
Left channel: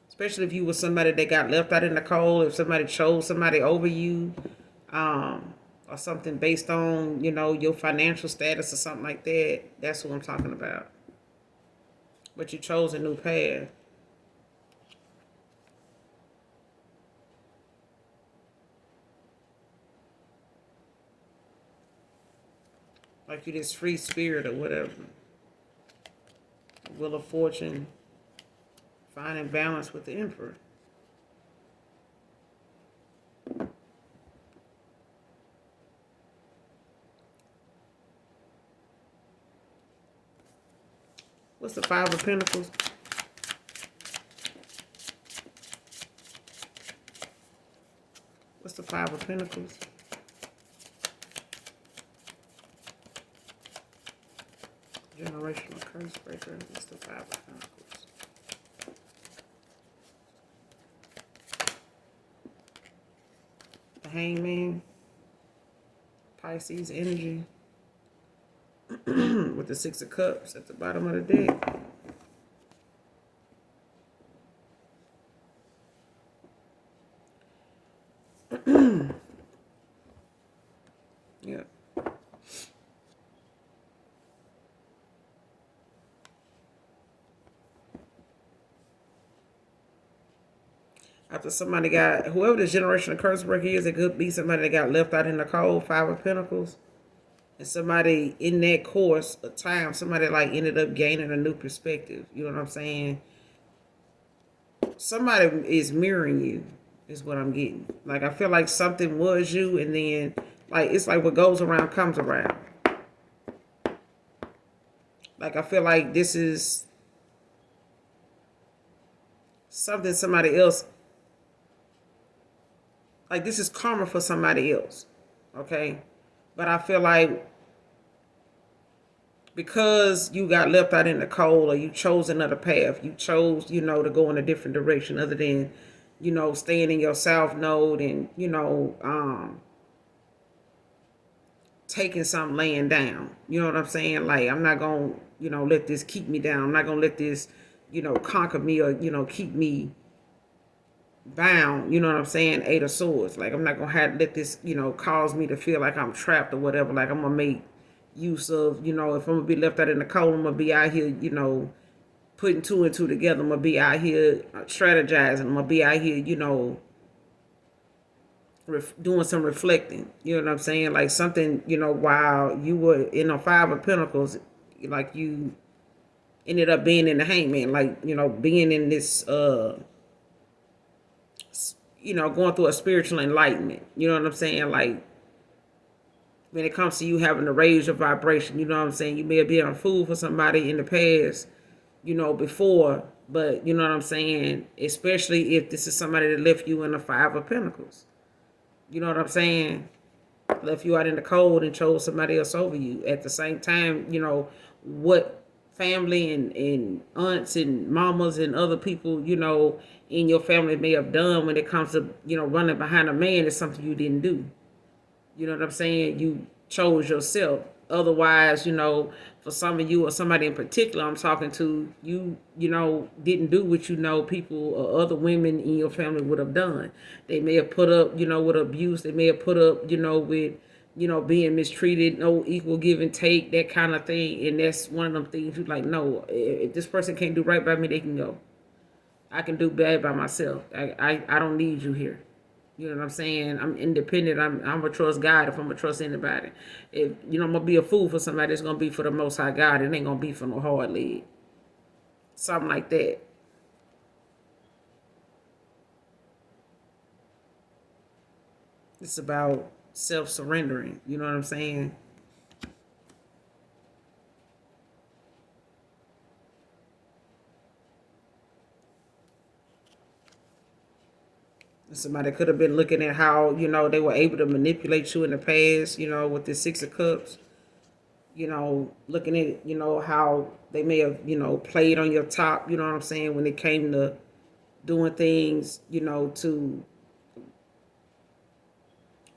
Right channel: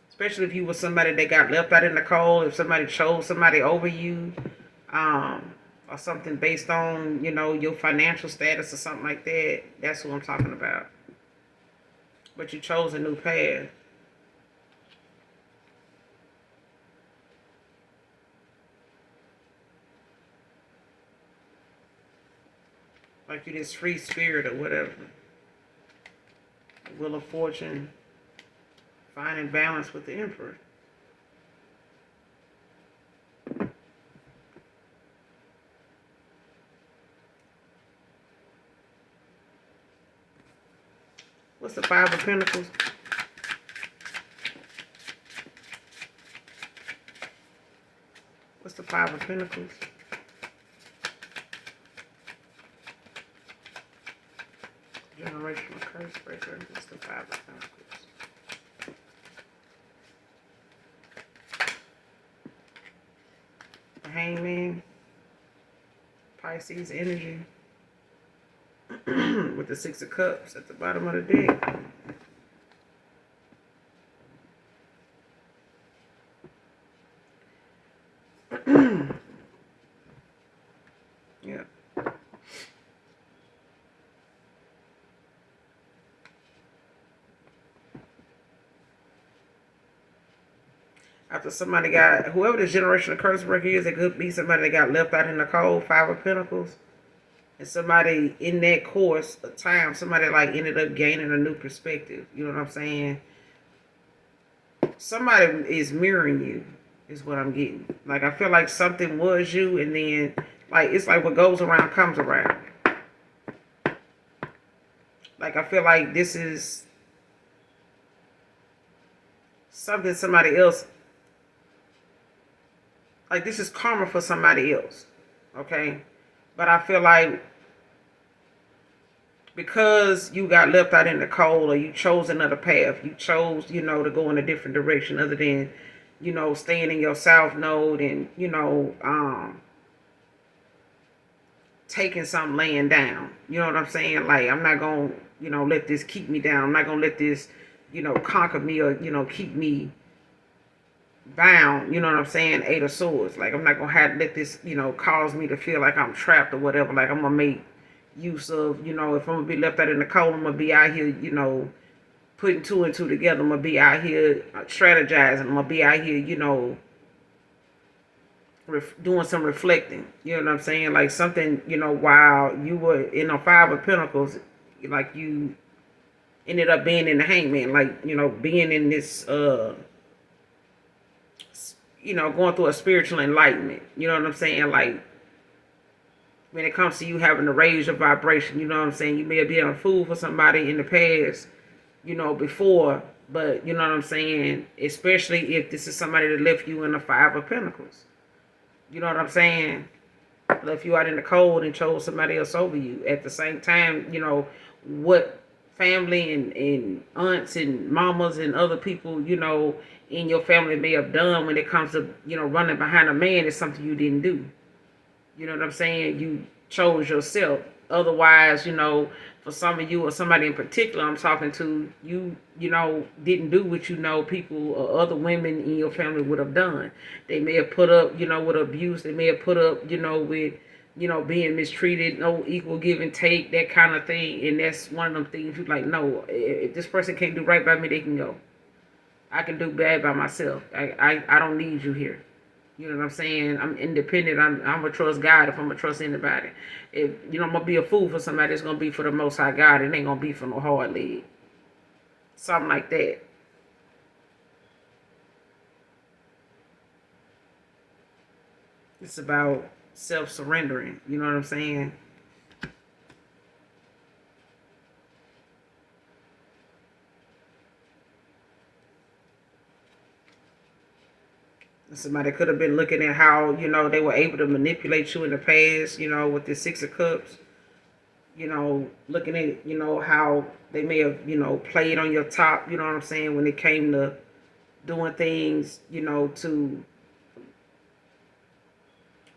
Especially if you were somebody that got left out in the cold, if somebody chose somebody over you, or something based on, your financial status or something like that. That's what I'm talking about. But you chose a new path. Like you this free spirit or whatever. Wheel of Fortune. Finding balance with the Emperor. What's the Five of Pentacles? What's the Five of Pentacles? Generational curse breaker. What's the Five of Pentacles? The Hangman. Pisces energy. With the Six of Cups at the bottom of the deck. Yeah. After somebody got, whoever the generational curse breaker is, it could be somebody that got left out in the cold, Five of Pentacles. And somebody in that course of time, somebody like ended up gaining a new perspective. You know what I'm saying? Somebody is mirroring you, is what I'm getting. Like, I feel like something was you, and then, like, it's like what goes around comes around. Like, I feel like this is something somebody else, like, this is karma for somebody else. Okay? But I feel like because you got left out in the cold, or you chose another path, you chose, to go in a different direction other than, staying in your south node and, taking something laying down. You know what I'm saying? Like, I'm not going to, let this keep me down. I'm not going to let this, conquer me or, keep me bound. You know what I'm saying? Eight of Swords. Like, I'm not going to have let this, cause me to feel like I'm trapped or whatever. Like, I'm going to make use of, if I'm going to be left out in the cold, I'm going to be out here, putting two and two together. I'm going to be out here strategizing. I'm going to be out here, doing some reflecting. You know what I'm saying? Like something, while you were in a Five of Pentacles, like you ended up being in the Hangman. Like, being in this, going through a spiritual enlightenment. You know what I'm saying? Like, when it comes to you having to raise your vibration, you know what I'm saying? You may have been a fool for somebody in the past, before, but you know what I'm saying? Especially if this is somebody that left you in the Five of Pentacles. You know what I'm saying? Left you out in the cold and chose somebody else over you. At the same time, what family and aunts and mamas and other people, in your family may have done when it comes to, running behind a man is something you didn't do. You know what I'm saying? You chose yourself. Otherwise, for some of you or somebody in particular I'm talking to, didn't do what people or other women in your family would have done. They may have put up, with abuse. They may have put up, with, being mistreated, no equal give and take, that kind of thing. And that's one of them things you're like, no, if this person can't do right by me, they can go. I can do bad by myself. I don't need you here. You know what I'm saying? I'm independent. I'm a trust God if I'm gonna trust anybody. If I'm gonna be a fool for somebody, it's gonna be for the Most High God. It ain't gonna be for no hard leg. Something like that. It's about self-surrendering. You know what I'm saying? Somebody could have been looking at how they were able to manipulate you in the past. With the Six of Cups. Looking at how they may have played on your top. You know what I'm saying, when it came to doing things to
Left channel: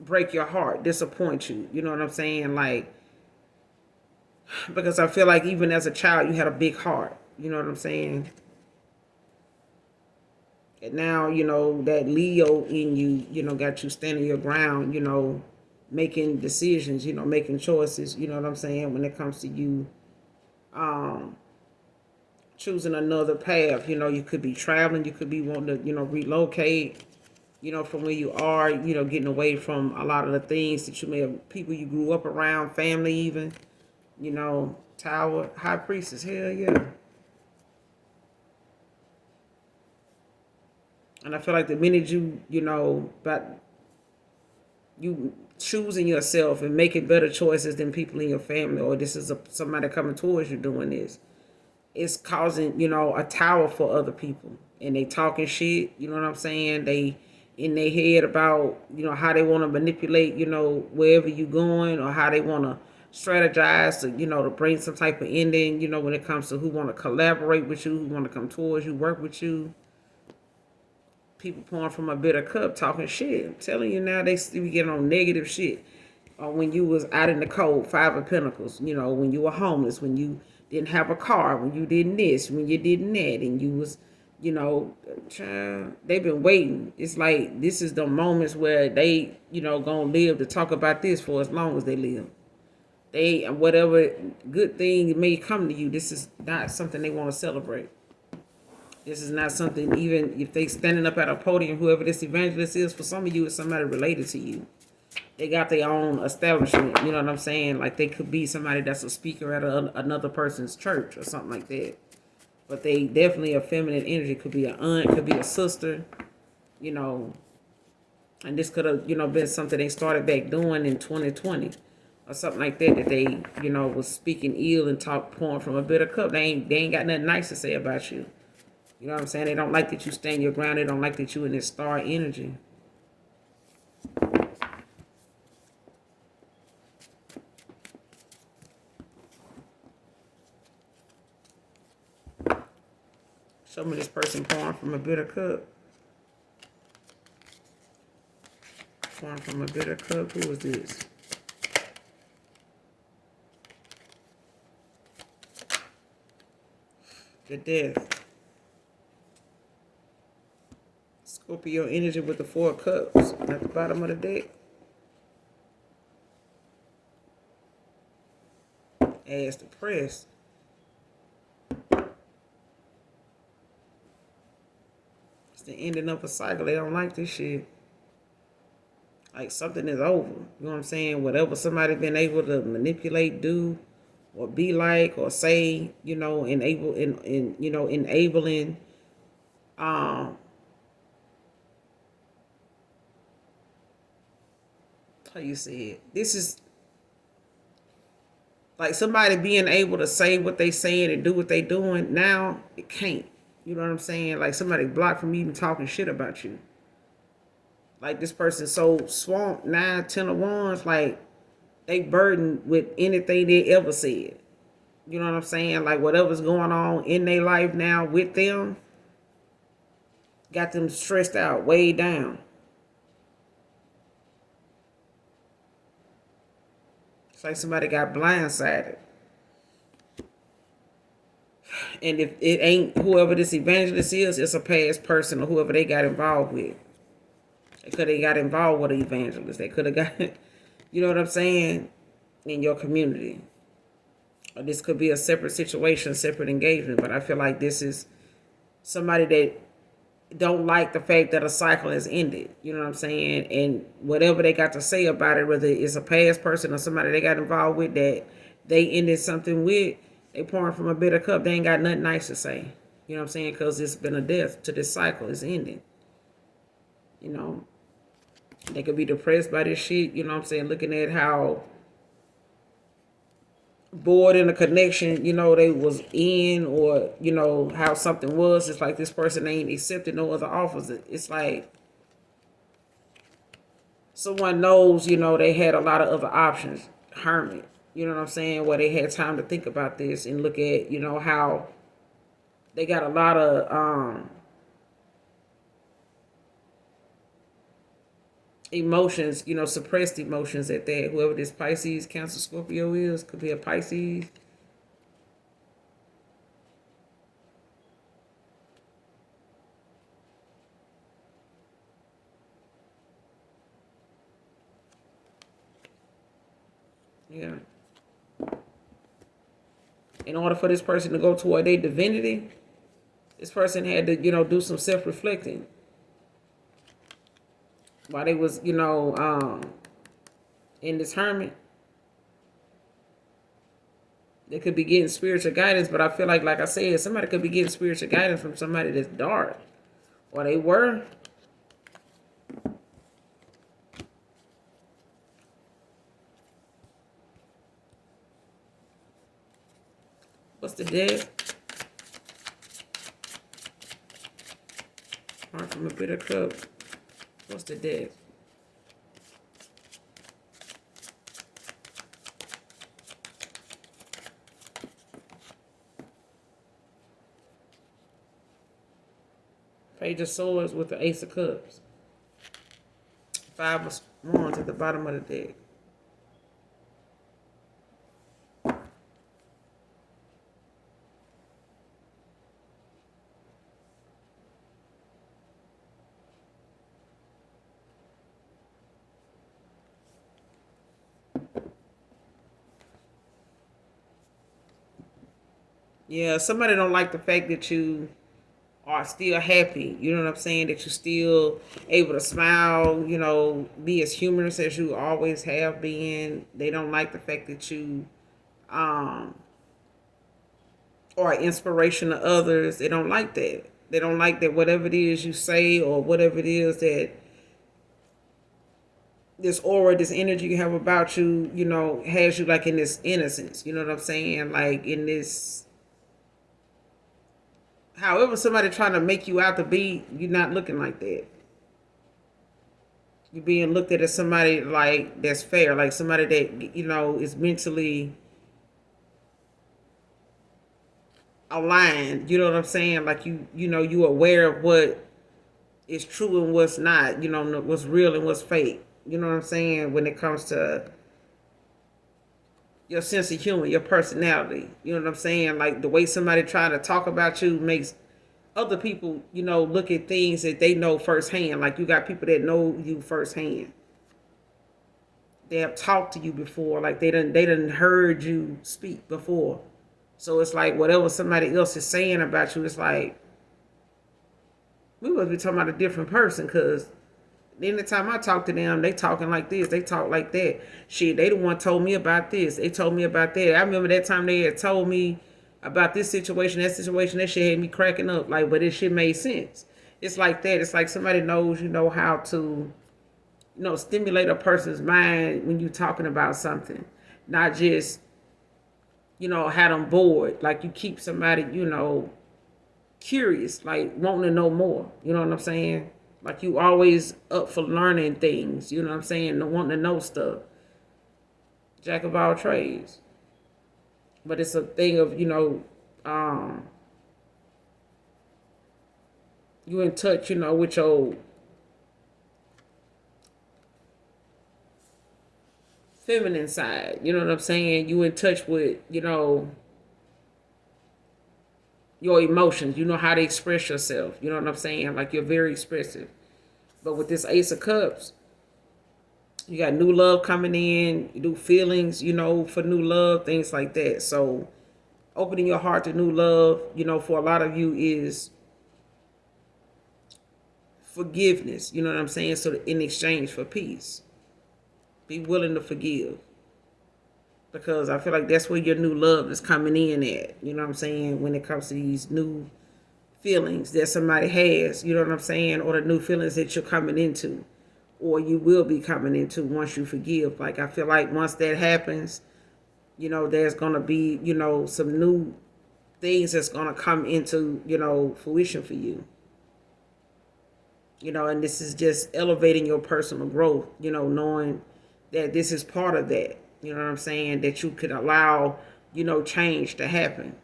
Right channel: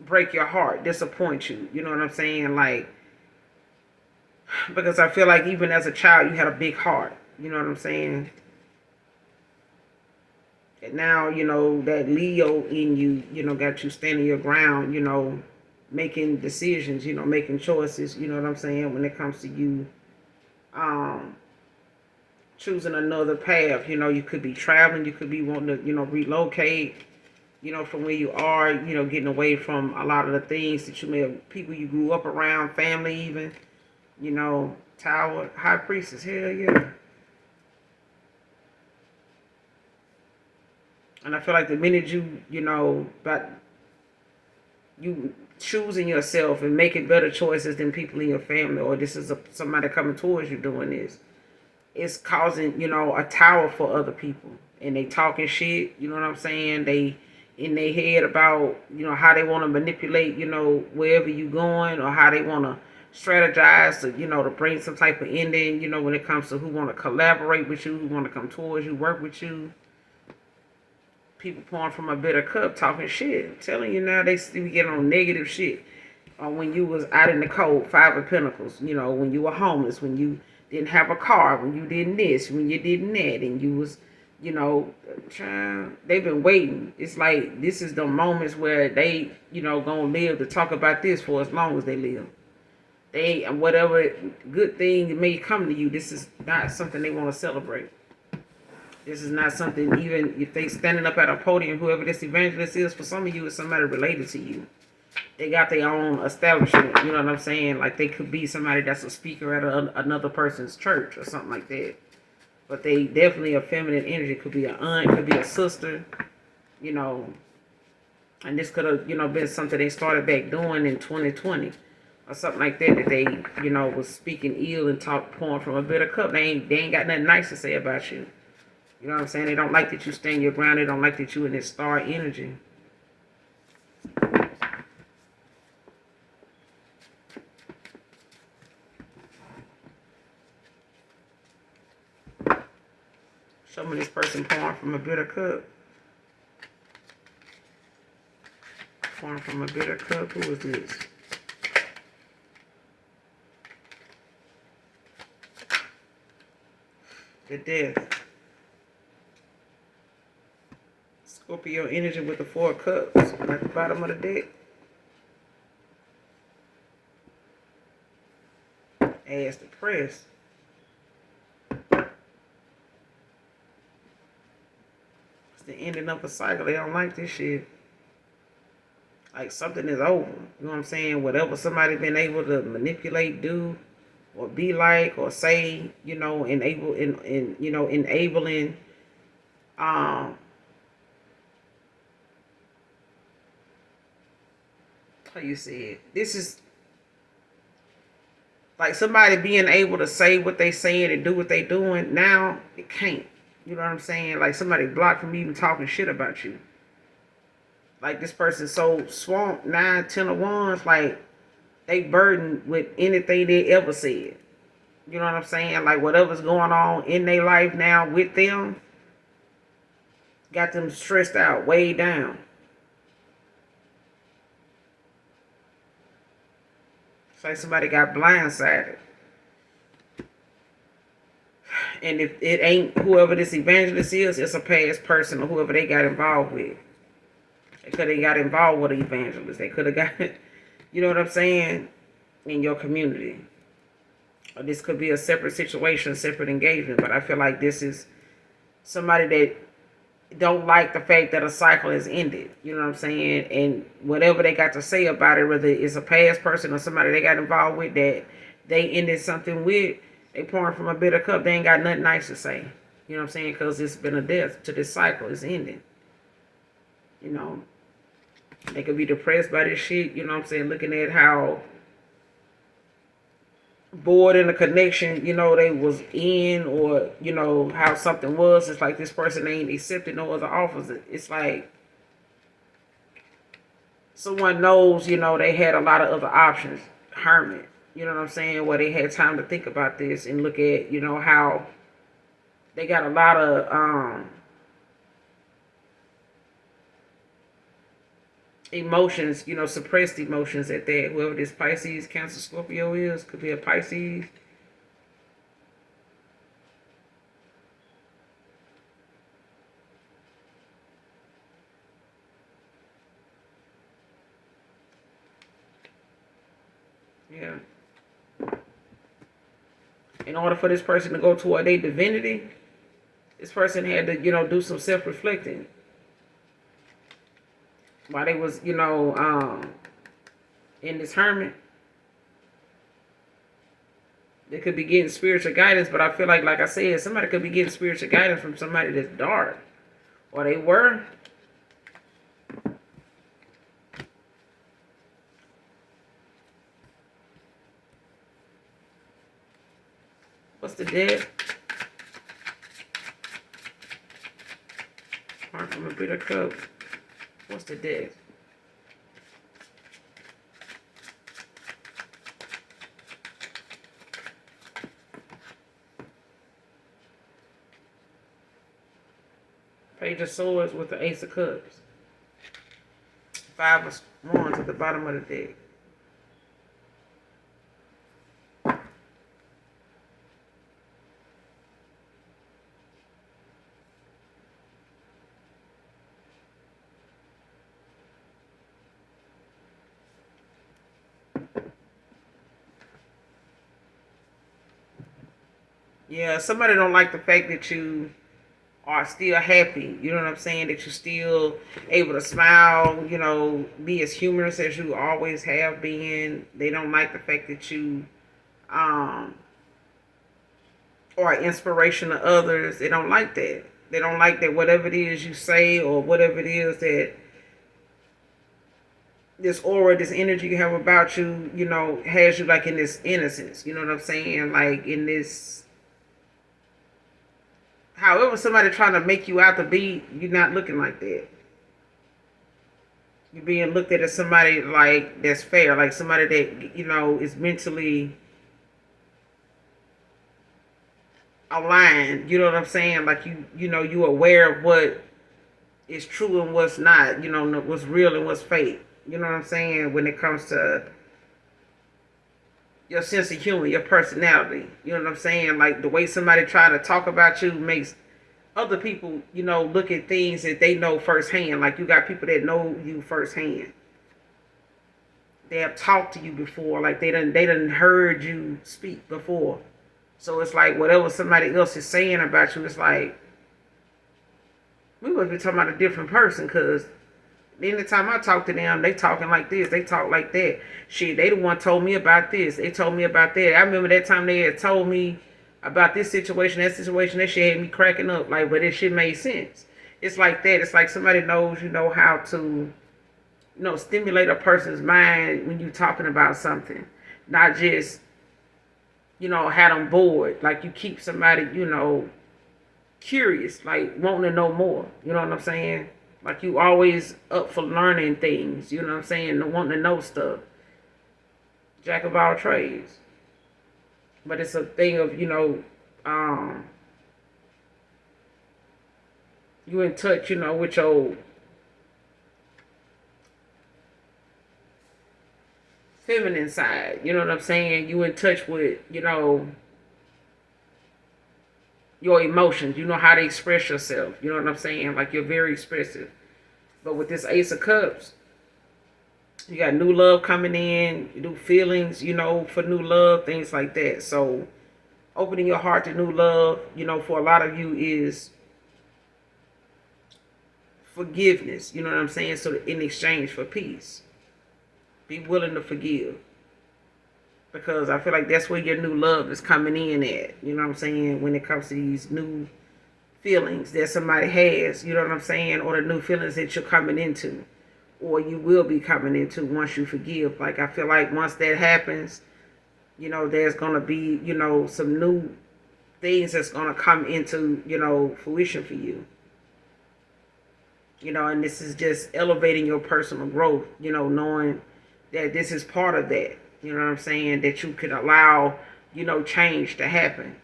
break your heart, disappoint you. You know what I'm saying? Like, because I feel like even as a child, you had a big heart. You know what I'm saying? And now, that Leo in you, got you standing your ground, making decisions, making choices, you know what I'm saying, when it comes to you um, choosing another path. You could be traveling, you could be wanting to, relocate, from where you are, getting away from a lot of the things that you may have, people you grew up around, family even, Tower, High Priestess, hell yeah. And I feel like the minute about you choosing yourself and making better choices than people in your family, or this is somebody coming towards you doing this, it's causing, a tower for other people. And they talking shit, you know what I'm saying? They in their head about, how they want to manipulate, wherever you going, or how they want to strategize to, to bring some type of ending, when it comes to who want to collaborate with you, who want to come towards you, work with you. People pouring from a bitter cup, talking shit. I'm telling you now, they still get on negative shit. When you was out in the cold, Five of Pentacles, when you were homeless, when you didn't have a car, when you didn't this, when you didn't that, and you was, child, they've been waiting. It's like this is the moments where they, gonna live to talk about this for as long as they live. They, whatever good thing may come to you, this is not something they want to celebrate. This is not something, even if they standing up at a podium, whoever this evangelist is, for some of you, it's somebody related to you. They got their own establishment, you know what I'm saying? Like, they could be somebody that's a speaker at another person's church or something like that. But they definitely a feminine energy. Could be an aunt, could be a sister, and this could have, been something they started back doing in 2020 or something like that, that they, was speaking ill and pouring from a bitter cup. They ain't got nothing nice to say about you. You know what I'm saying? They don't like that you stand your ground. They don't like that you in this star energy. Show me this person pouring from a bitter cup. Pouring from a bitter cup. Who is this? The Death. Scorpio energy with the Four of Cups at the bottom of the deck. Ass depressed. It's the ending of a cycle. They don't like this shit. Like, something is over. You know what I'm saying? Whatever somebody been able to manipulate, do, or be like, or say, enabling how you say it? This is like somebody being able to say what they saying and do what they doing. Now it can't. You know what I'm saying? Like, somebody blocked from even talking shit about you. Like, this person so swamped, 9, 10 of wands, like they burdened with anything they ever said. You know what I'm saying? Like, whatever's going on in their life now with them got them stressed out, way down. It's like somebody got blindsided. And if it ain't whoever this evangelist is, it's a past person or whoever they got involved with. They could have got involved with an evangelist. They could have got, you know what I'm saying, in your community. Or this could be a separate situation, separate engagement. But I feel like this is somebody that don't like the fact that a cycle has ended. You know what I'm saying? And whatever they got to say about it, whether it's a past person or somebody they got involved with that they ended something with, they pouring from a bitter cup. They ain't got nothing nice to say. You know what I'm saying? Because it's been a death to this cycle. It's ending. You know, they could be depressed by this shit. You know what I'm saying? Looking at how bored in the connection, you know, they was in, or, you know, how something was. It's like this person ain't accepted no other offers. It's like someone knows, you know, they had a lot of other options. Hermit. You know what I'm saying? Where they had time to think about this and look at, you know, how they got a lot of emotions, you know, suppressed emotions at that. Whoever this Pisces, Cancer, Scorpio is, could be a Pisces. Yeah. In order for this person to go toward their divinity, this person had to, you know, do some self-reflecting. While they was, you know, in this hermit, they could be getting spiritual guidance, but I feel like I said, somebody could be getting spiritual guidance from somebody that's dark. Or they were. What's the death? Heart from a bitter cup. What's the death? Page of Swords with the Ace of Cups. Five of Wands at the bottom of the deck. Yeah, somebody don't like the fact that you are still happy. You know what I'm saying? That you're still able to smile, you know, be as humorous as you always have been. They don't like the fact that you are an inspiration to others. They don't like that. They don't like that whatever it is you say or whatever it is that this aura, this energy you have about you, you know, has you like in this innocence. You know what I'm saying? Like in this. However, somebody trying to make you out to be, you're not looking like that. You're being looked at as somebody like that's fair, like somebody that, you know, is mentally aligned. You know what I'm saying? Like you know, you aware of what is true and what's not. You know, what's real and what's fake. You know what I'm saying? When it comes to your sense of humor, your personality. You know what I'm saying? Like the way somebody try to talk about you makes other people, you know, look at things that they know firsthand. Like you got people that know you firsthand. They have talked to you before. Like they done heard you speak before. So it's like whatever somebody else is saying about you, it's like we would be talking about a different person, because anytime I talk to them, they talking like this, they talk like that. Shit, they the one told me about this. They told me about that. I remember that time they had told me about this situation, that situation. That shit had me cracking up. Like, but this shit made sense. It's like that. It's like somebody knows, you know, how to, you know, stimulate a person's mind when you're talking about something. Not just, you know, have them bored. Like you keep somebody, you know, curious, like wanting to know more. You know what I'm saying? Like you always up for learning things. You know what I'm saying? Wanting to know stuff. Jack of all trades. But it's a thing of, you know, you in touch, you know, with your feminine side. You know what I'm saying? You in touch with, your emotions. You know how to express yourself. You know what I'm saying? Like you're very expressive. But with this Ace of Cups, you got new love coming in, new feelings, for new love, things like that. So opening your heart to new love, for a lot of you is forgiveness. You know what I'm saying? So in exchange for peace, be willing to forgive. Because I feel like that's where your new love is coming in at. You know what I'm saying? When it comes to these new feelings that somebody has, you know what I'm saying? Or the new feelings that you're coming into. Or you will be coming into once you forgive. Like I feel like once that happens, there's gonna be, some new things that's gonna come into, fruition for you. And this is just elevating your personal growth, knowing that this is part of that. You know what I'm saying? That you could allow, change to happen.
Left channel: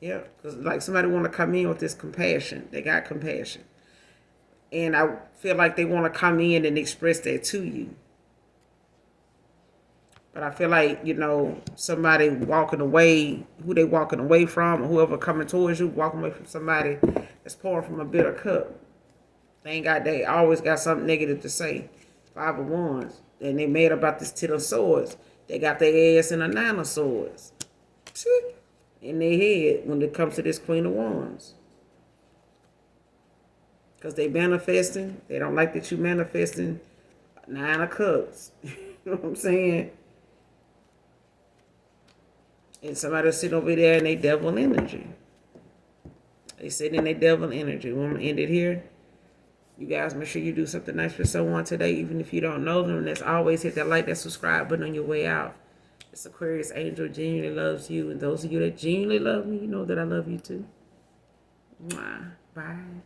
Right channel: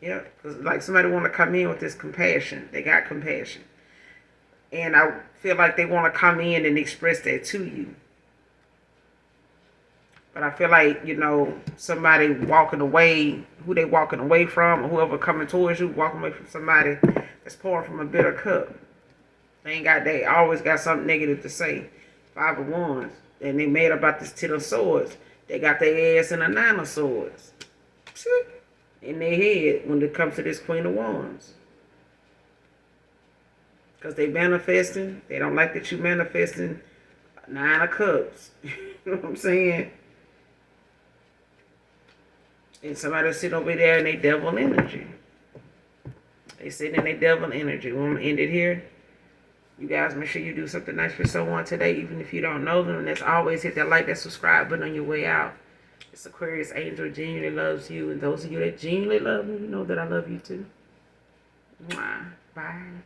Yeah, because like somebody want to come in with this compassion. They got compassion. And I feel like they want to come in and express that to you. But I feel like, somebody walking away, who they walking away from, or whoever coming towards you, walking away from somebody that's pouring from a bitter cup. They always got something negative to say. 5 of Wands. And they made about this 10 of Swords. They got their ass in a 9 of Swords. In their head when it comes to this Queen of Wands. Because they manifesting. They don't like that you manifesting 9 of Cups. You know what I'm saying? And somebody sitting over there in their devil energy. They sitting in their devil energy. We're going to end it here. You guys make sure you do something nice for someone today, even if you don't know them. And as always, hit that like, that subscribe button on your way out. It's Aquarius Angel genuinely loves you. And those of you that genuinely love me, you know that I love you too. Mwah. Bye.